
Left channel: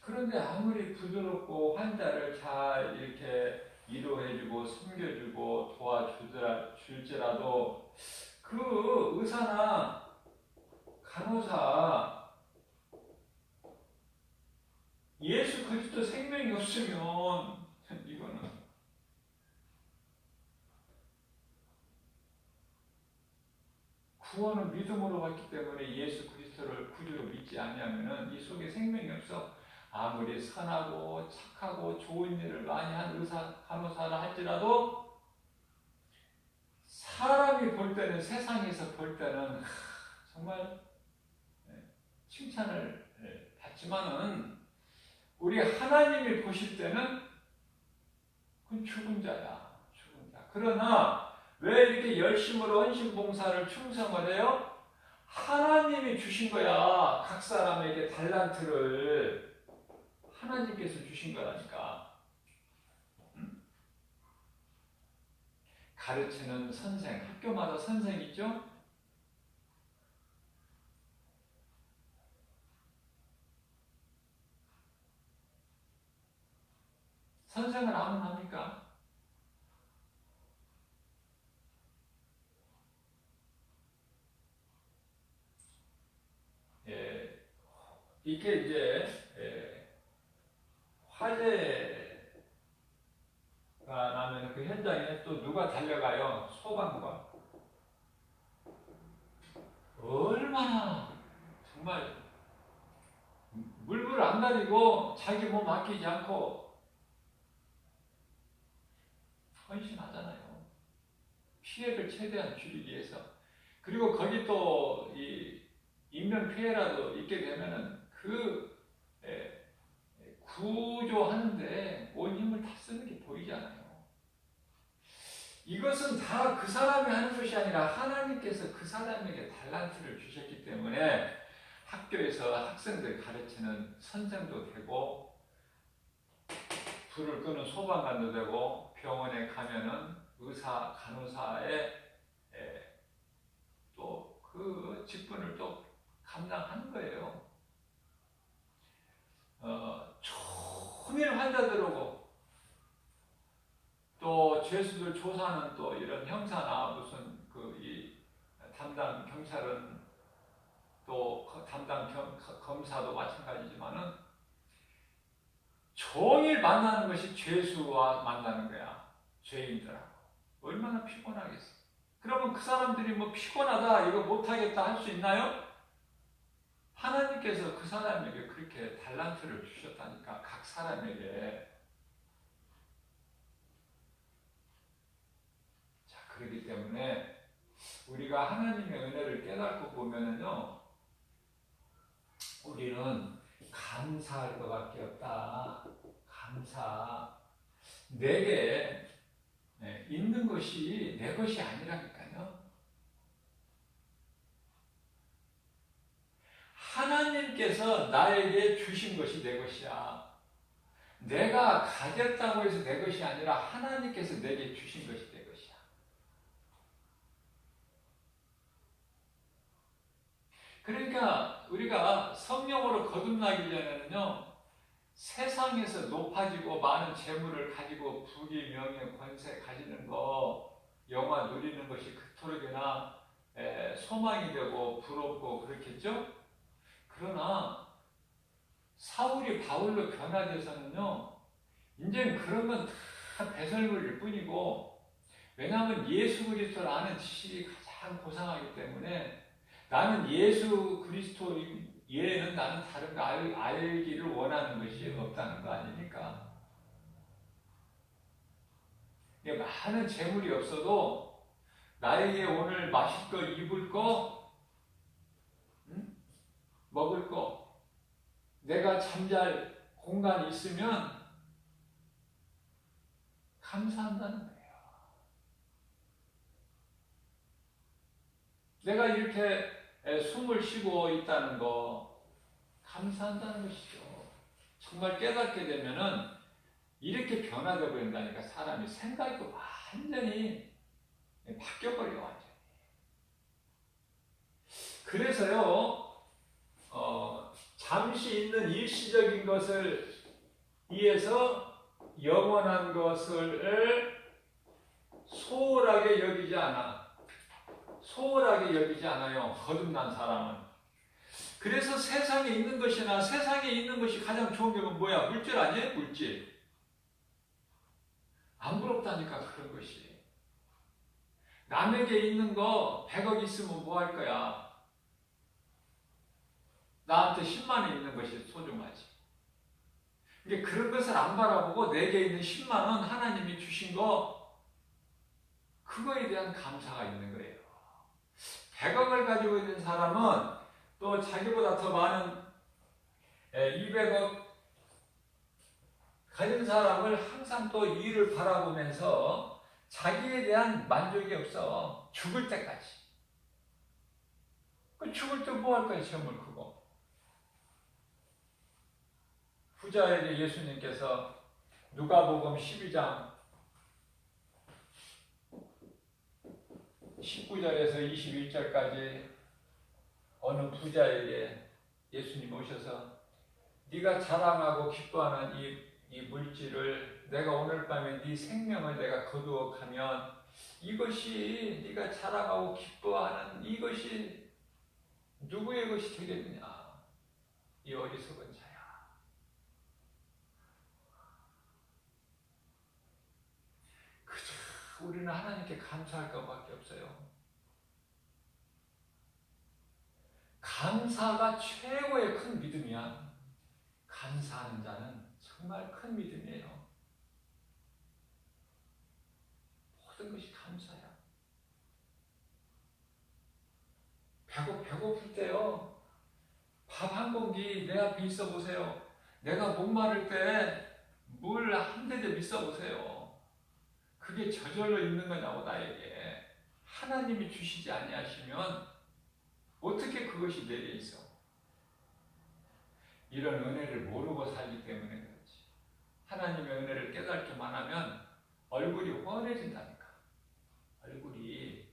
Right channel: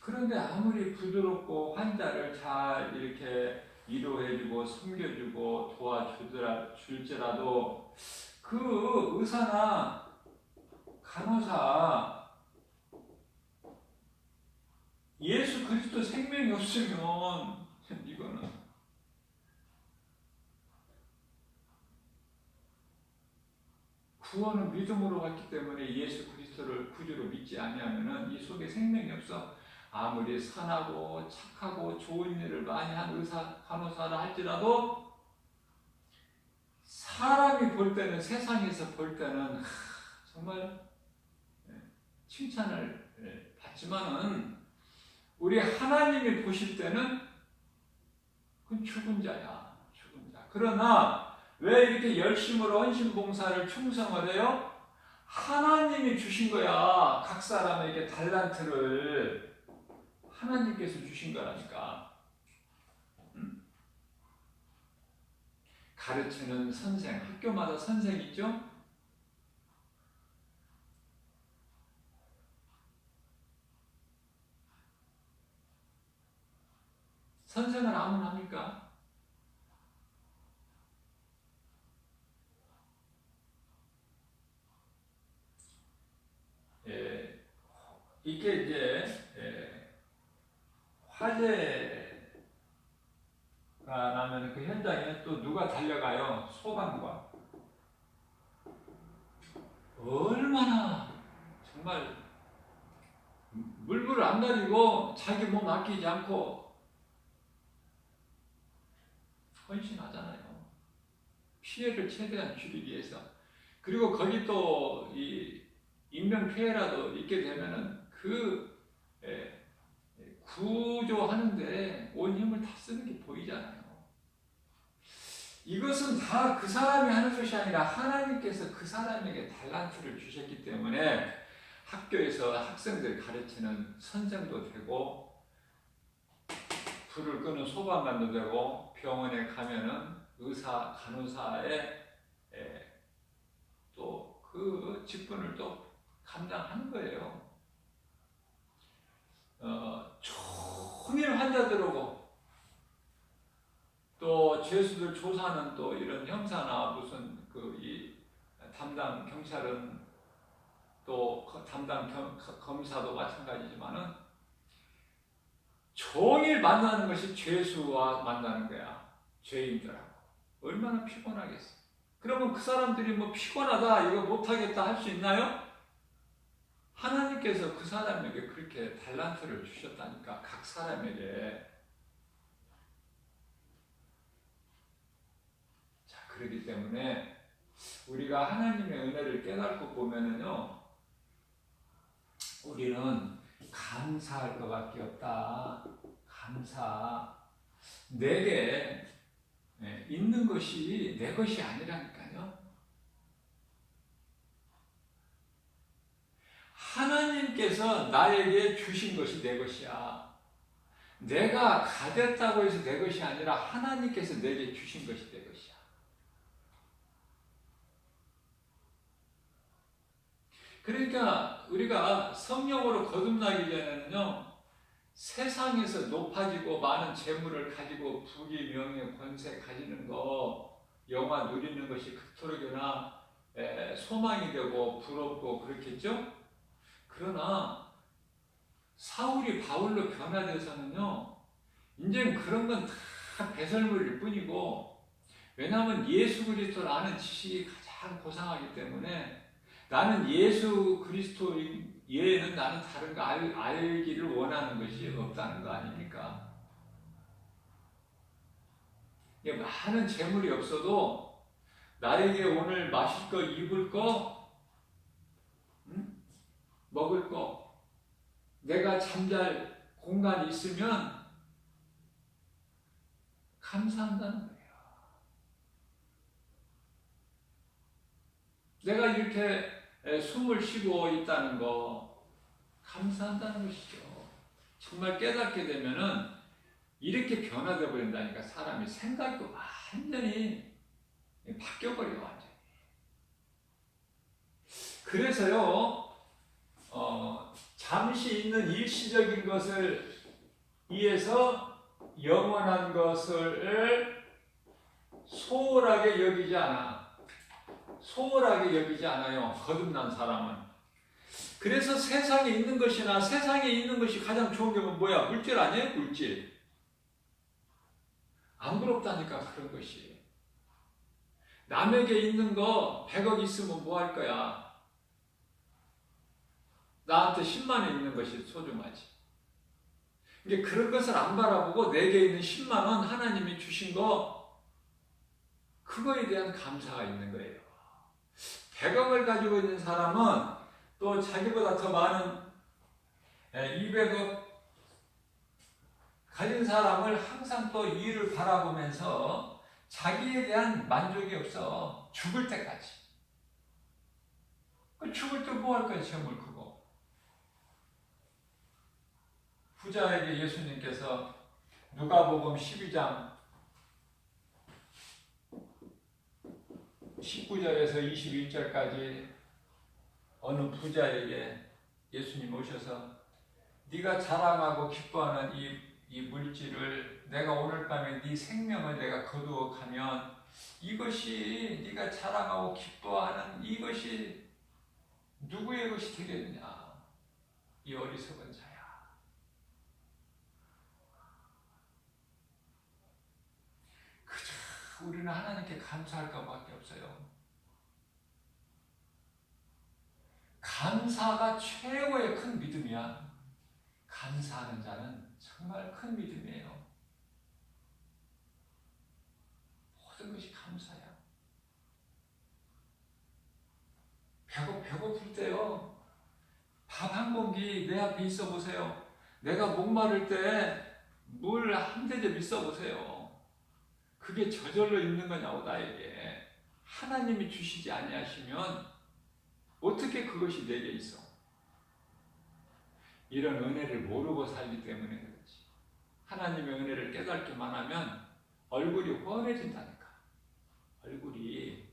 그런데 아무리 부드럽고 환자를 잘 이렇게 위로해주고 섬겨주고 도와줄지라도 그 의사나 간호사 예수 그리스도 생명이 없으면 이거는 구원은 믿음으로 왔기 때문에 예수 그리스도를 구주로 믿지 아니하면은 이 속에 생명이 없어. 아무리 선하고 착하고 좋은 일을 많이 한 의사, 간호사라 할지라도 사람이 볼 때는 세상에서 볼 때는 정말 칭찬을 받지만은 우리 하나님이 보실 때는 그건 죽은 자야, 죽은 자. 그러나 왜 이렇게 열심으로 헌신봉사를 충성을 해요? 하나님이 주신 거야. 각 사람에게 달란트를 하나님께서 주신 거라니까. 가르치는 선생, 학교마다 선생이 있죠? 선생을 아무나 합니까? 이게 이제 화재가 나면 그 현장에 또 누가 달려가요? 소방관. 얼마나 정말 물불을 안 가리고 자기 몸 아끼지 않고 헌신하잖아요. 피해를 최대한 줄이기 위해서. 그리고 거기 또 이 인명 피해라도 있게 되면은 그 구조하는데 온 힘을 다 쓰는 게 보이잖아요. 이것은 다 그 사람이 하는 것이 아니라 하나님께서 그 사람에게 달란트를 주셨기 때문에 학교에서 학생들 가르치는 선생도 되고 불을 끄는 소방관도 되고 병원에 가면은 의사, 간호사의 또 그 직분을 또 감당하는 거예요. 종일 환자들하고 또 죄수들 조사는 또 이런 형사나 무슨 이 담당 경찰은 또 담당 검사도 마찬가지지만은 종일 만나는 것이 죄수와 만나는 거야. 죄인들하고. 얼마나 피곤하겠어. 그러면 그 사람들이 뭐 피곤하다, 이거 못하겠다 할 수 있나요? 하나님께서 그 사람에게 그렇게 달란트를 주셨다니까, 각 사람에게. 자, 그렇기 때문에 우리가 하나님의 은혜를 깨닫고 보면은요, 우리는 감사할 것밖에 없다. 감사. 내게 있는 것이 내 것이 아니라니까요. 하나님께서 나에게 주신 것이 내 것이야. 내가 가졌다고 해서 내 것이 아니라 하나님께서 내게 주신 것이 내 것이야. 그러니까 우리가 성령으로 거듭나기 전에는요, 세상에서 높아지고 많은 재물을 가지고 부귀, 명예, 권세 가지는 거, 영화 누리는 것이 그토록이나 소망이 되고 부럽고 그렇겠죠? 그러나 사울이 바울로 변화돼서는요, 이제는 그런 건 다 배설물일 뿐이고, 왜냐하면 예수 그리스도를 아는 지식이 가장 고상하기 때문에 나는 예수 그리스도 얘는 나는 다른 거 알기를 원하는 것이 없다는 거 아닙니까? 많은 재물이 없어도 나에게 오늘 마실 거, 입을 거, 응? 먹을 거, 내가 잠잘 공간이 있으면 감사한다는 거예요. 내가 이렇게 숨을 쉬고 있다는 거 감사한다는 것이죠. 정말 깨닫게 되면은 이렇게 변화되어 버린다니까. 사람이 생각도 완전히 바뀌어버려요. 완전히. 그래서요, 잠시 있는 일시적인 것을 위해서 영원한 것을 소홀하게 여기지 않아. 소홀하게 여기지 않아요. 거듭난 사람은. 그래서 세상에 있는 것이나 세상에 있는 것이 가장 좋은 게 뭐야? 물질 아니에요? 물질. 안 부럽다니까 그런 것이. 남에게 있는 거 100억 있으면 뭐 할 거야? 나한테 10만 원 있는 것이 소중하지. 이게 그런 것을 안 바라보고 내게 있는 10만 원 하나님이 주신 거 그거에 대한 감사가 있는 거예요. 100억을 가지고 있는 사람은 또 자기보다 더 많은 200억 가진 사람을 항상 또 이를 바라보면서 자기에 대한 만족이 없어. 죽을 때까지. 죽을 때 뭐 할 거야, 재물 크고. 부자에게 예수님께서 누가복음 12장 19절에서 21절까지 어느 부자에게 예수님 오셔서 네가 자랑하고 기뻐하는 이 물질을 내가 오늘 밤에 네 생명을 내가 거두어 가면 이것이 네가 자랑하고 기뻐하는 이것이 누구의 것이 되겠느냐? 이 어리석은 자야. 그저 우리는 하나님께 감사할 것밖에 없어요. 감사가 최고의 큰 믿음이야. 감사하는 자는 정말 큰 믿음이에요. 모든 것이 감사야. 배고플 때요. 밥 한 공기 내 앞에 있어 보세요. 내가 목마를 때 물 한 대접 있어 보세요. 그게 저절로 있는 거냐고 나에게. 하나님이 주시지 아니하시면 어떻게 그것이 내게 있어? 이런 은혜를 모르고 살기 때문에 그렇지. 하나님의 은혜를 깨닫기만 하면 얼굴이 훤해진다니까. 얼굴이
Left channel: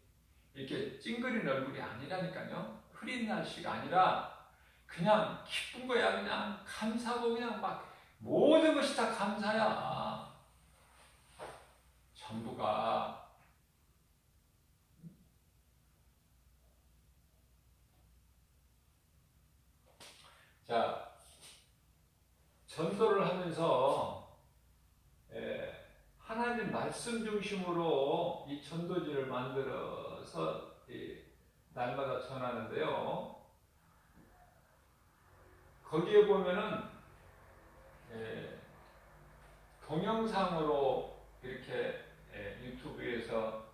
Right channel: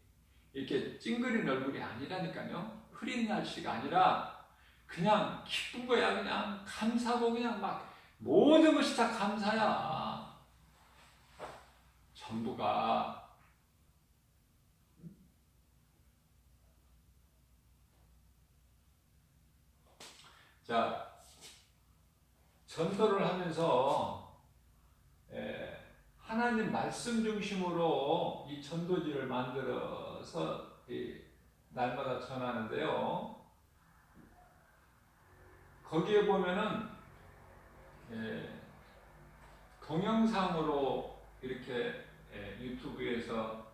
이렇게 찡그린 얼굴이 아니라니까요. 흐린 날씨가 아니라 그냥 기쁜 거야. 그냥 감사하고 그냥 막 모든 것이 다 감사야. 전부가. 자, 전도를 하면서 하나님 말씀 중심으로 이 전도지를 만들어서 날마다 전하는데요. 거기에 보면은 동영상으로 이렇게 유튜브에서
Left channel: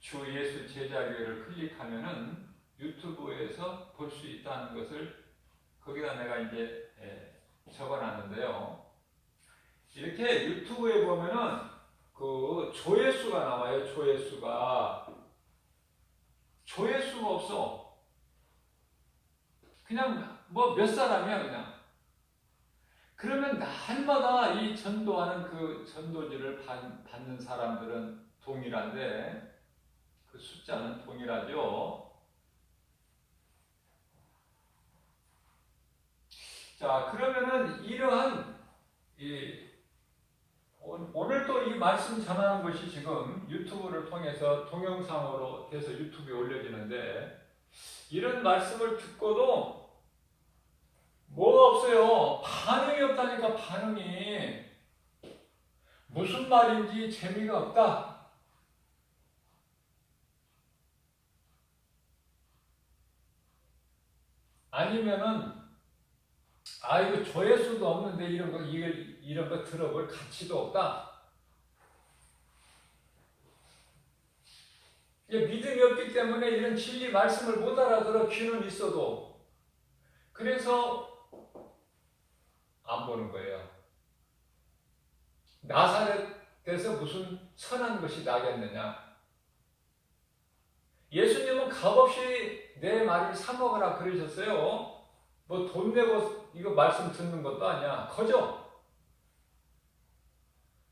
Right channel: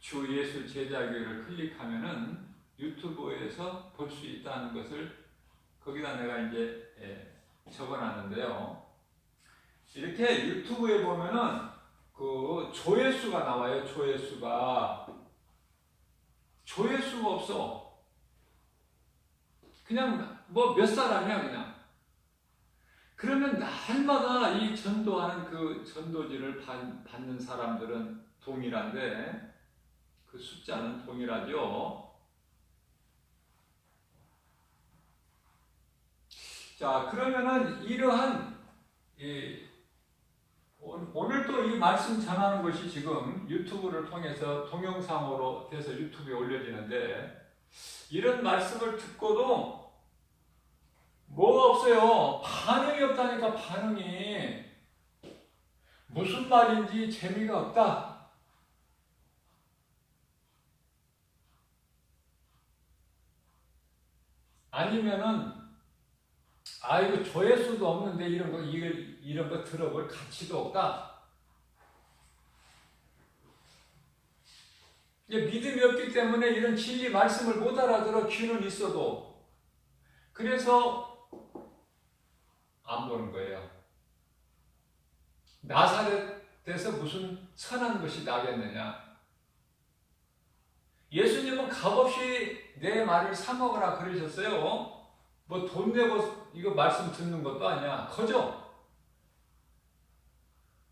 주 예수 제자교회를 클릭하면은 유튜브에서 볼 수 있다는 것을 거기다 내가 이제 적어놨는데요. 이렇게 유튜브에 보면은 그 조회수가 나와요. 조회수가 없어. 그냥 뭐 몇 사람이야 그냥. 그러면 날마다 이 전도하는 그 전도지를 받는 사람들은 동일한데 그 숫자는 동일하죠. 자, 그러면은 이러한 오늘 또 이 말씀 전하는 것이 지금 유튜브를 통해서 동영상으로 돼서 유튜브에 올려지는데 이런 말씀을 듣고도 뭐 없어요. 반응이 없다니까. 반응이. 무슨 말인지 재미가 없다. 아니면은 이거 조회수도 없는데 이런 거 들어볼 가치도 없다. 이제 믿음이 없기 때문에 이런 진리 말씀을 못 알아들어 귀는 있어도. 그래서 안 보는 거예요. 나사렛에서 무슨 선한 것이 나겠느냐. 예수님은 값없이 내 말을 사먹으라 그러셨어요. 뭐 돈 내고 이거 말씀 듣는 것도 아니야. 거저.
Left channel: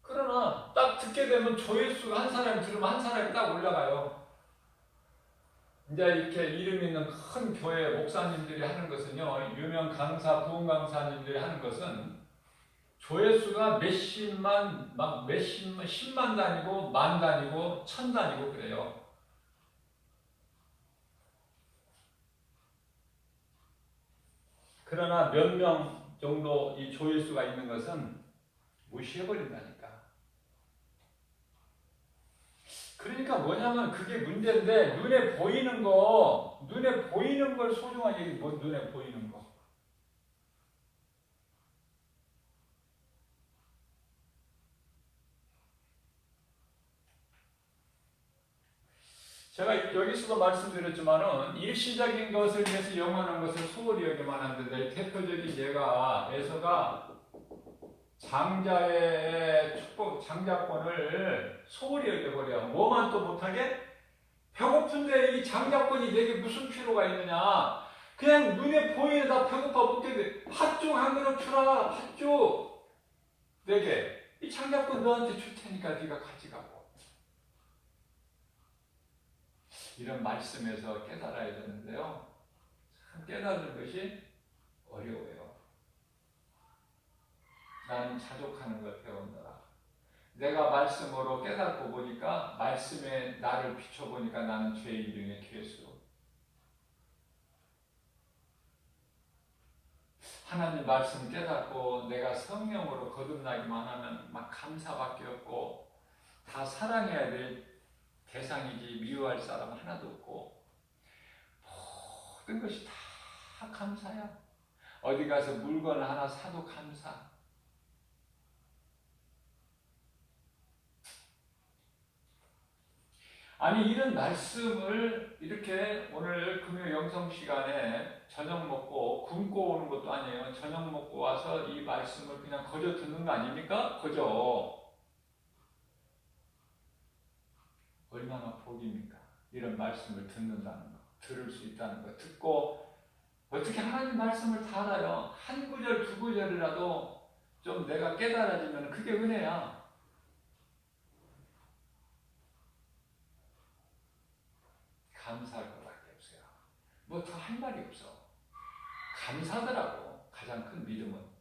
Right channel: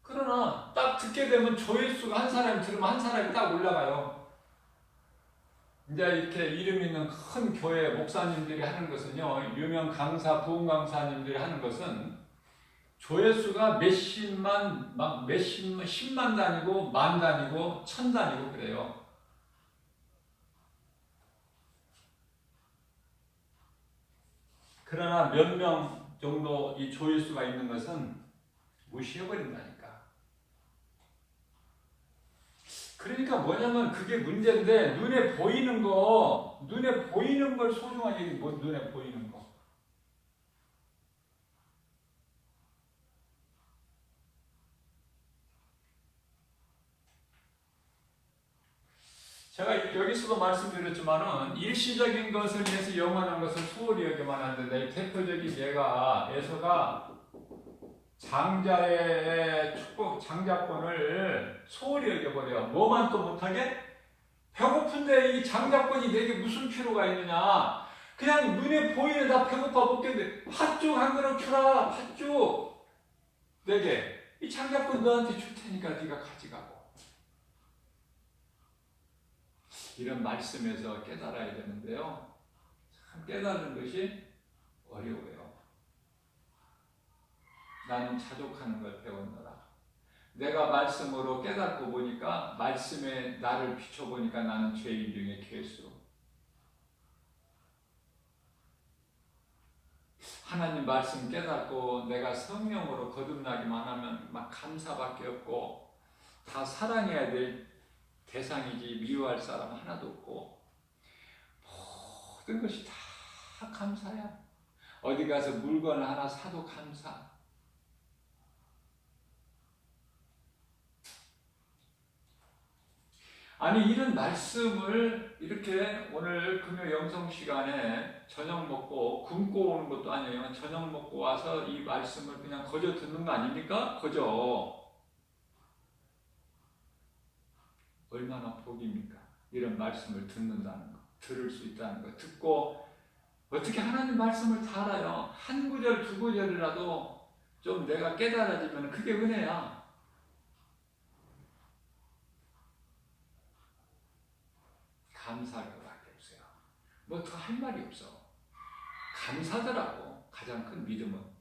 그러나 딱 듣게 되면 조회수가 한 사람이 들으면 한 사람이 딱 올라가요. 이제 이렇게 이름 있는 큰 교회 목사님들이 하는 것은요, 유명 강사, 부흥 강사님들이 하는 것은 조회수가 몇십만, 막 몇십만, 10만 단위고, 만 단위고, 천 단위고 그래요. 그러나 몇 명 정도 이 조회수가 있는 것은 무시해버린다니까. 그러니까 뭐냐면 그게 문제인데, 눈에 보이는 걸 소중하게, 뭐 눈에 보이는 거. 제가 여기서도 말씀드렸지만은 일시적인 것을 위해서 영원한 것을 소홀히 여기만 하는데, 대표적인 예가 에서가 장자의 축복, 장자권을 소홀히 여겨버려. 뭐만 또 못하게? 배고픈데 이 장자권이 내게 무슨 필요가 있느냐? 그냥 눈에 보이다 배고파 먹겠는데 팥죽 한 그릇 주라. 팥죽 내게. 이 장자권 너한테 줄 테니까 네가 가져가고. 이런 말씀에서 깨달아야 되는데요. 참 깨달은 것이 어려워요. 나는 자족하는 걸 배웠노라. 내가 말씀으로 깨닫고 보니까, 말씀에 나를 비춰보니까 나는 죄인 중에 괴수. 하나님 말씀 깨닫고 내가 성령으로 거듭나기만 하면 막 감사밖에 없고, 다 사랑해야 될 대상이지 미워할 사람 하나도 없고, 모든 것이 다 감사야. 어디 가서 물건 하나 사도 감사. 아니, 이런 말씀을 이렇게 오늘 금요 영성 시간에 저녁 먹고 굶고 오는 것도 아니에요. 저녁 먹고 와서 이 말씀을 그냥 거저 듣는 거 아닙니까? 거저. 얼마나 복입니까? 이런 말씀을 듣는다는 거, 들을 수 있다는 거, 듣고 어떻게 하나님 말씀을 다 알아요? 한 구절, 두 구절이라도 좀 내가 깨달아지면 그게 은혜야. 감사할 것밖에 없어요. 뭐 더 할 말이 없어. 감사더라고. 가장 큰 믿음은.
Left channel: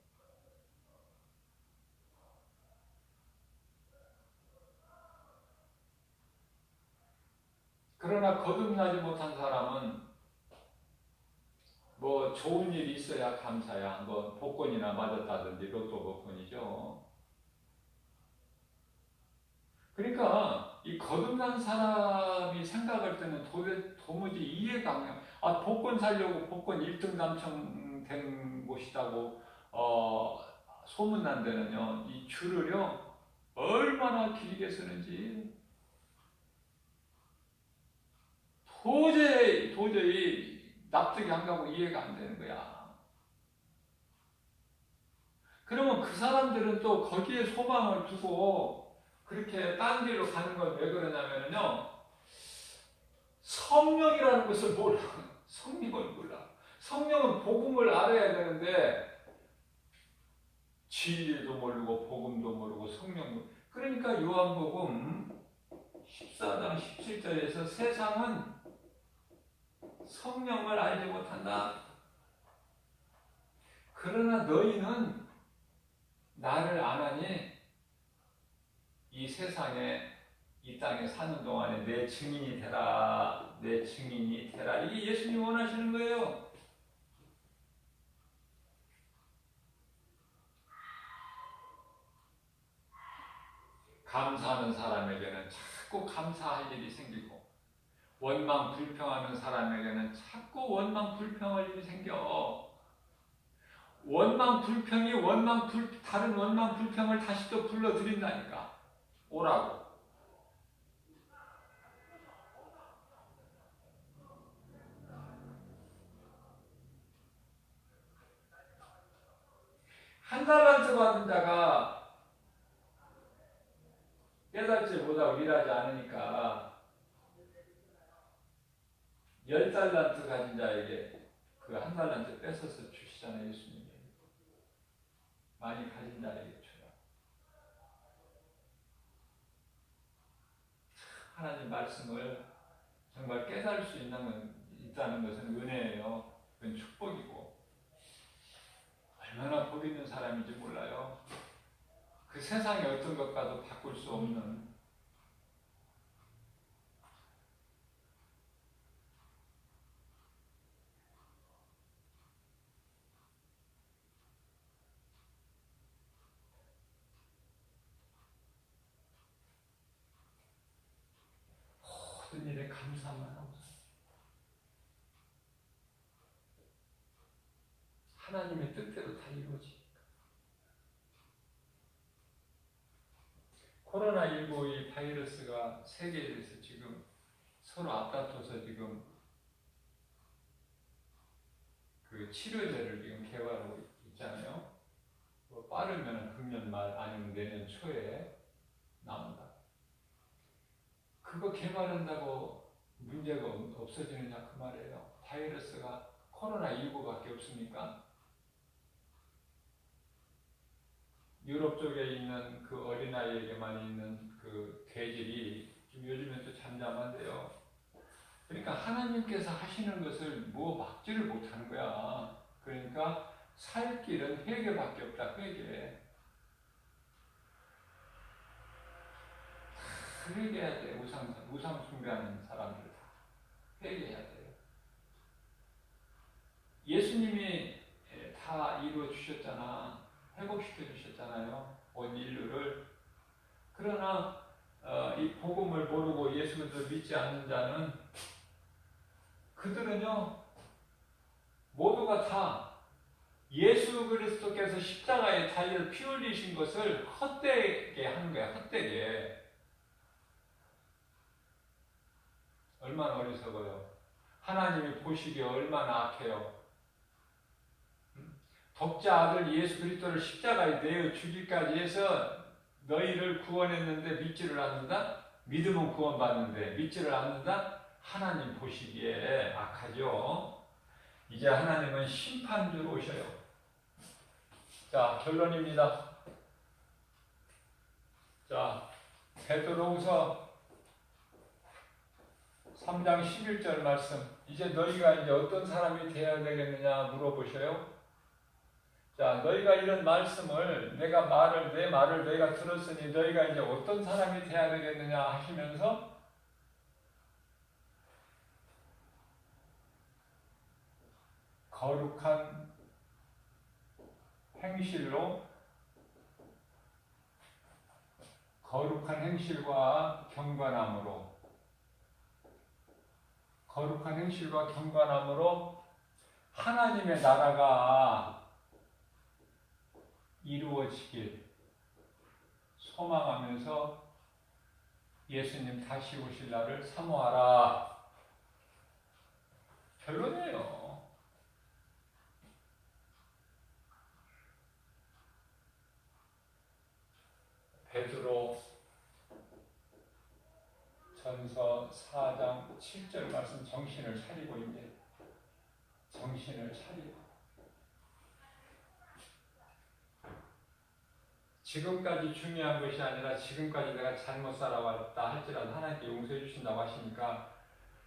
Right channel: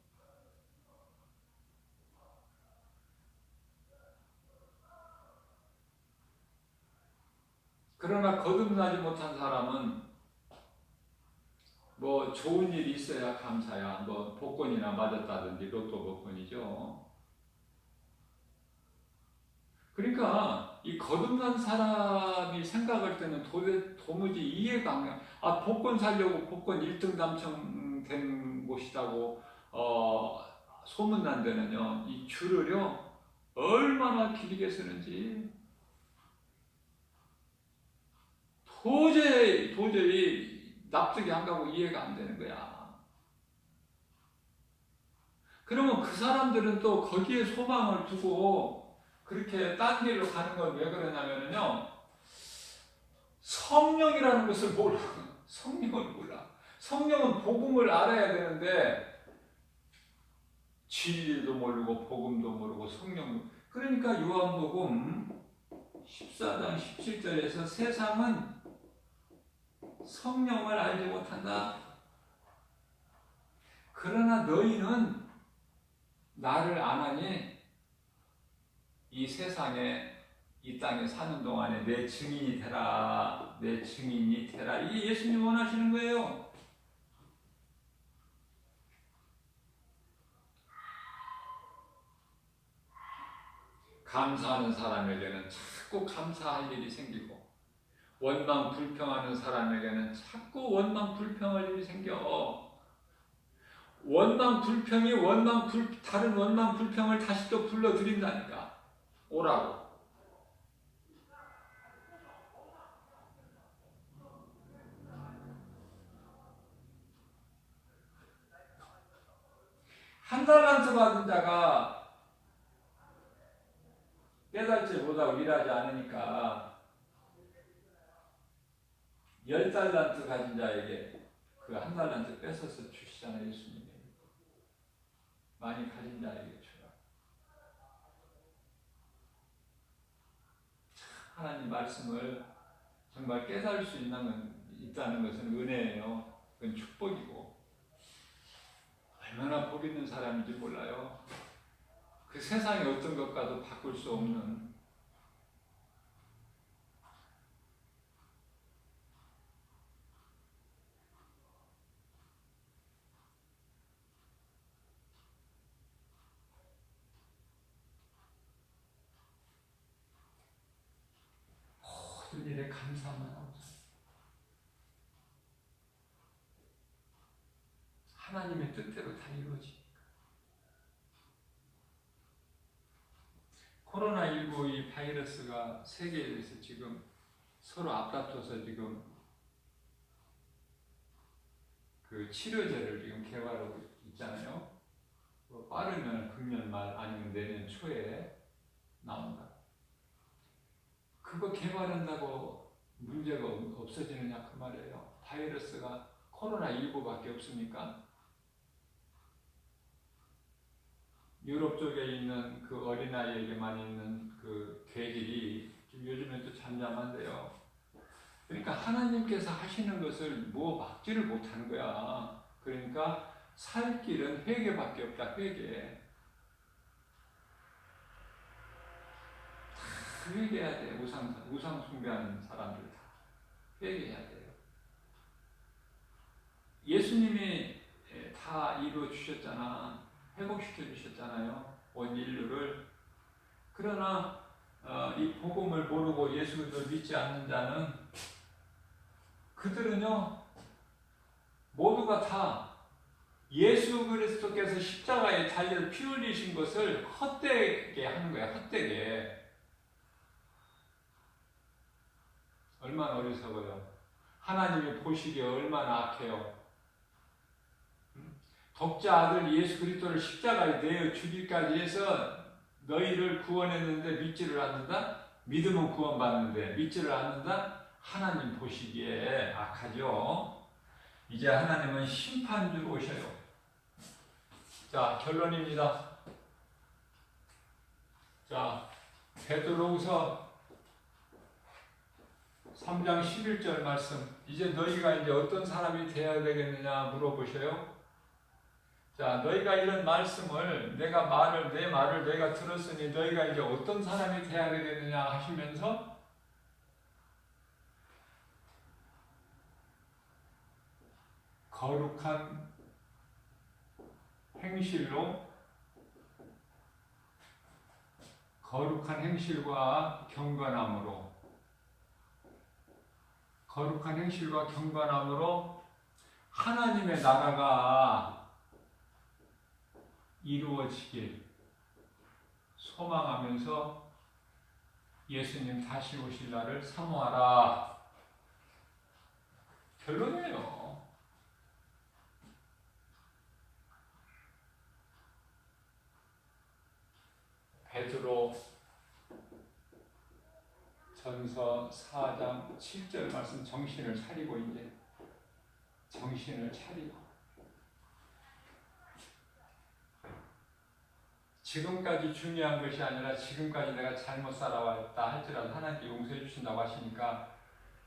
그러나 거듭나지 못한 사람은 뭐 좋은 일이 있어야 감사야. 뭐 복권이나 맞았다든지 로또 복권이죠. 그러니까 이 거듭난 사람이 생각할 때는 도무지 이해가 안 가. 아, 복권 사려고 복권 1등 당첨된 곳이라고 소문난 데는요, 이 줄을요 얼마나 길게 쓰는지 도저히 납득이 안 가고 이해가 안 되는 거야. 그러면 그 사람들은 또 거기에 소망을 두고 그렇게 딴 길로 가는 건 왜 그러냐면요, 성령이라는 것을 몰라. 성령을 몰라. 성령은 복음을 알아야 되는데 진리도 모르고 복음도 모르고 성령도. 그러니까 요한복음 14장 17절에서 세상은 성령을 알지 못한다. 그러나 너희는 나를 아나니 이 세상에, 이 땅에 사는 동안에 내 증인이 되라. 내 증인이 되라. 이게 예수님이 원하시는 거예요. 감사하는 사람에게는 자꾸 감사할 일이 생기고, 원망 불평하는 사람에게는 자꾸 원망 불평할 일이 생겨. 원망 불평이 다른 원망 불평을 다시 또 불러들인다니까. 오라고. 한 달란트 받은 자가 깨닫지 못하고 일하지 않으니까 10달란트 가진 자에게 그 한 달란트 뺏어서 주시잖아요. 예수님이. 많이 가진 자에게 주라. 하나님 말씀을 정말 깨달을 수 있다는 것은 은혜예요. 그건 축복이고 얼마나 복 있는 사람인지 몰라요. 그 세상의 어떤 것과도 바꿀 수 없는 모든 일에 감사만 하고 하나님의 뜻대로 다 이루어지. 코로나19 이 바이러스가 세계에서 지금 서로 앞다퉈서 지금 그 치료제를 지금 개발하고 있잖아요. 빠르면 금년 말 아니면 내년 초에 나온다. 그거 개발한다고 문제가 없어지느냐 그 말이에요. 바이러스가 코로나19밖에 없습니까? 유럽 쪽에 있는 그 어린아이에게만 있는 그 괴질이 요즘에 또 잠잠한데요. 그러니까 하나님께서 하시는 것을 뭐 막지를 못하는 거야. 그러니까 살 길은 회개밖에 없다. 회개. 다 회개해야 돼. 우상 숭배하는 사람들 다 회개해야 돼요. 예수님이 다 이루어 주셨잖아. 회복시켜 주셨잖아요. 온 인류를. 그러나 이 복음을 모르고 예수를 믿지 않는 자는 그들은요 모두가 다 예수 그리스도께서 십자가에 달려 피 흘리신 것을 헛되게 하는 거야. 헛되게. 얼마나 어리석어요. 하나님이 보시기에 얼마나 악해요. 독자 아들 예수 그리스도를 십자가에 내어 죽이기까지 해서 너희를 구원했는데 믿지를 않는다? 믿으면 구원받는데 믿지를 않는다? 하나님 보시기에 악하죠. 이제 하나님은 심판주로 오셔요. 자, 결론입니다. 자, 베드로후서 3장 11절 말씀. 이제 너희가 이제 어떤 사람이 되어야 되겠느냐 물어보셔요. 자, 너희가 이런 말씀을 내 말을 너희가 들었으니 너희가 이제 어떤 사람이 되어야 되겠느냐 하시면서 거룩한 행실과 경건함으로 하나님의 나라가 이루어지길 소망하면서 예수님 다시 오실 날을 사모하라. 결론이에요. 베드로 전서 4장 7절 말씀 정신을 차리고 이제 정신을 차리고 지금까지 중요한 것이 아니라 지금까지 내가 잘못 살아왔다 할지라도 하나님께 용서해 주신다고 하시니까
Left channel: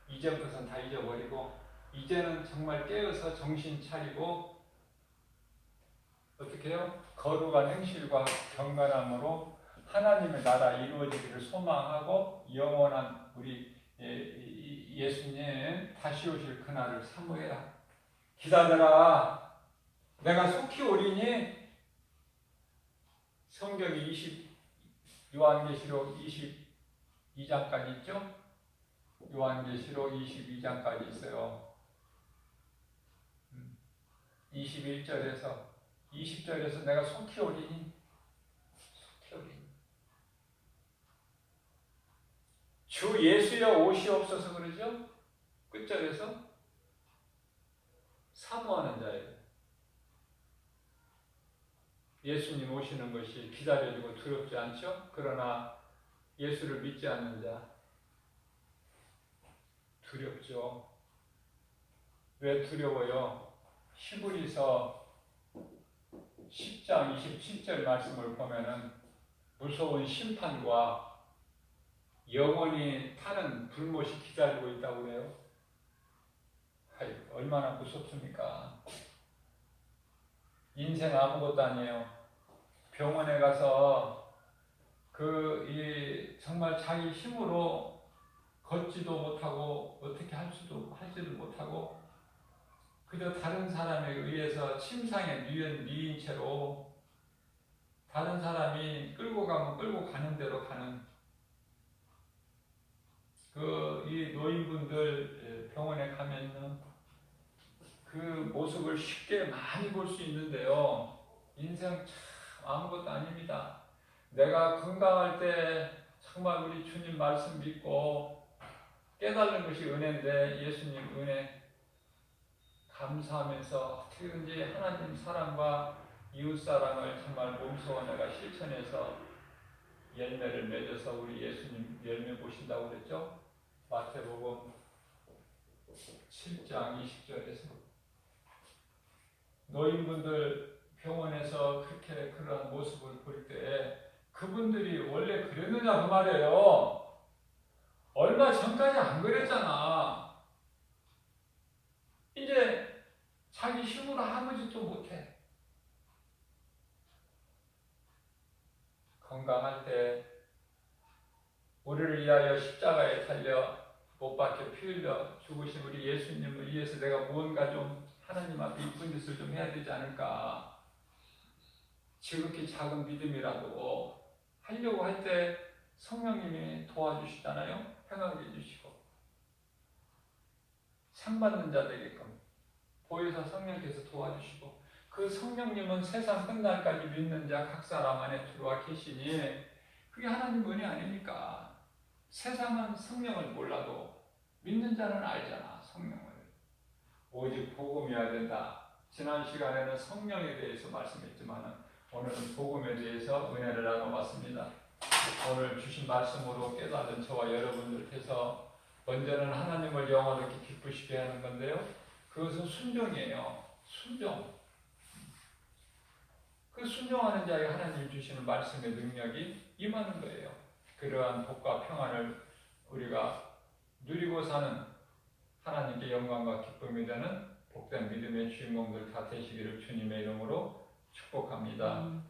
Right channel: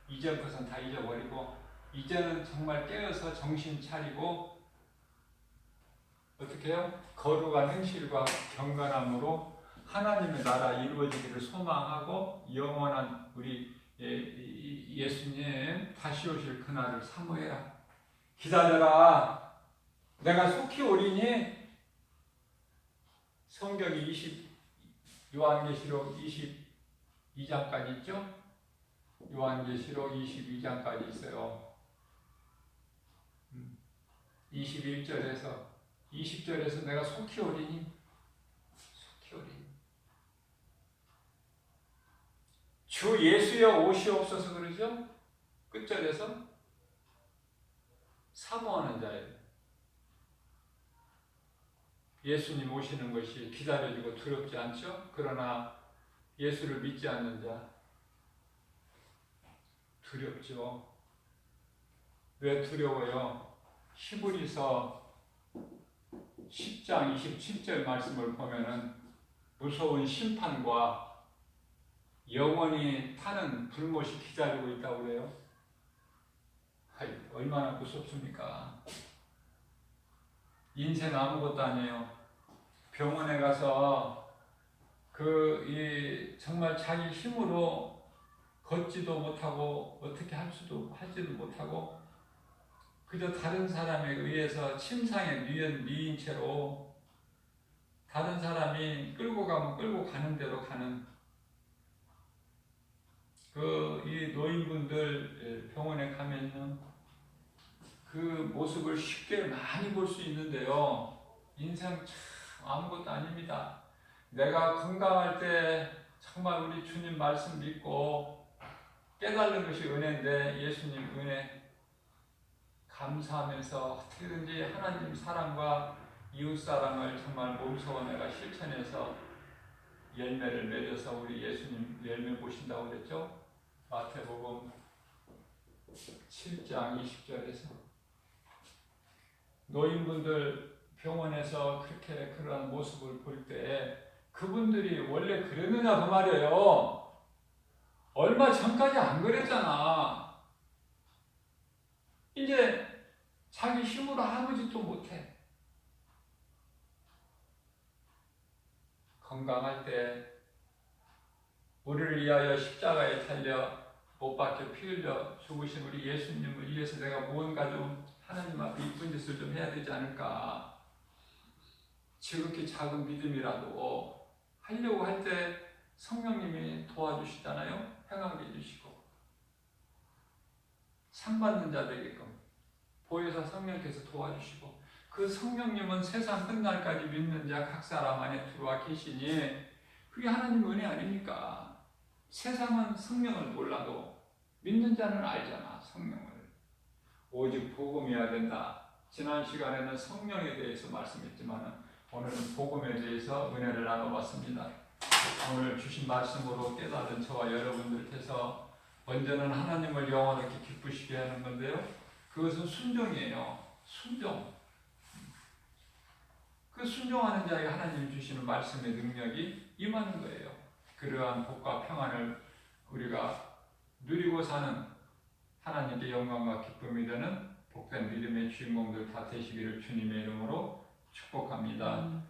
이제부터는 다 잊어버리고 이제는 정말 깨어서 정신 차리고 어떻게 해요? 거룩한 행실과 경건함으로 하나님의 나라 이루어지기를 소망하고 영원한 우리 예수님 다시 오실 그날을 사모해라. 기다려라. 내가 속히 오리니. 성경이 요한계시록 22장까지 있죠? 요한계시록 22장까지 있어요. 21절에서 20절에서 내가 속히 오리니. 주 예수여 오시옵소서 그러죠? 끝절에서 사모하는 자예요. 예수님 오시는 것이 기다려지고 두렵지 않죠? 그러나 예수를 믿지 않는 자 두렵죠. 왜 두려워요? 히브리서 10장 27절 말씀을 보면은 무서운 심판과 영원히 타는 불못이 기다리고 있다고 그래요. 얼마나 무섭습니까? 인생 아무것도 아니에요. 병원에 가서 정말 자기 힘으로 걷지도 못하고 어떻게 할지도 못하고 그저 다른 사람에 의해서 침상에 누인 채로 다른 사람이 끌고 가면 끌고 가는 대로 가는 이 노인분들 병원에 가면은 그 모습을 쉽게 많이 볼 수 있는데요. 인생 참 아무것도 아닙니다. 내가 건강할 때 정말 우리 주님 말씀 믿고 깨달는 것이 은혜인데 예수님 은혜 감사하면서 어떻게든지 하나님 사랑과 이웃 사랑을 정말 몸소 내가 실천해서 열매를 맺어서 우리 예수님 열매 보신다고 그랬죠? 마태복음 7장 20절에서 노인분들 병원에서 그렇게 그런 모습을 볼 때 그분들이 원래 그랬느냐 그 말이에요. 얼마 전까지 안 그랬잖아. 이제 자기 힘으로 아무 짓도 못해. 건강할 때 우리를 위하여 십자가에 달려 못 박혀 피 흘려 죽으신 우리 예수님을 위해서 내가 무언가 좀 하나님 앞에 이쁜 짓을 좀 해야 되지 않을까. 지극히 작은 믿음이라도 하려고 할 때 성령님이 도와주시잖아요. 행하게 해주시고 상 받는 자 되게끔 보혜사 성령께서 도와주시고 그 성령님은 세상 끝날까지 믿는 자 각 사람 안에 들어와 계시니 그게 하나님 은혜 아닙니까? 세상은 성령을 몰라도 믿는 자는 알잖아. 성령을 오직 복음이어야 된다. 지난 시간에는 성령에 대해서 말씀했지만 오늘은 복음에 대해서 은혜를 나눠봤습니다. 오늘 주신 말씀으로 깨달은 저와 여러분들께서 먼저는 하나님을 영원하게 기쁘시게 하는 건데요. 그것은 순종이에요. 순종. 그 순종하는 자에게 하나님 주시는 말씀의 능력이 임하는 거예요. 그러한 복과 평안을 우리가 누리고 사는 하나님께 영광과 기쁨이 되는 복된 믿음의 주인공들 다 되시기를 주님의 이름으로 축복합니다.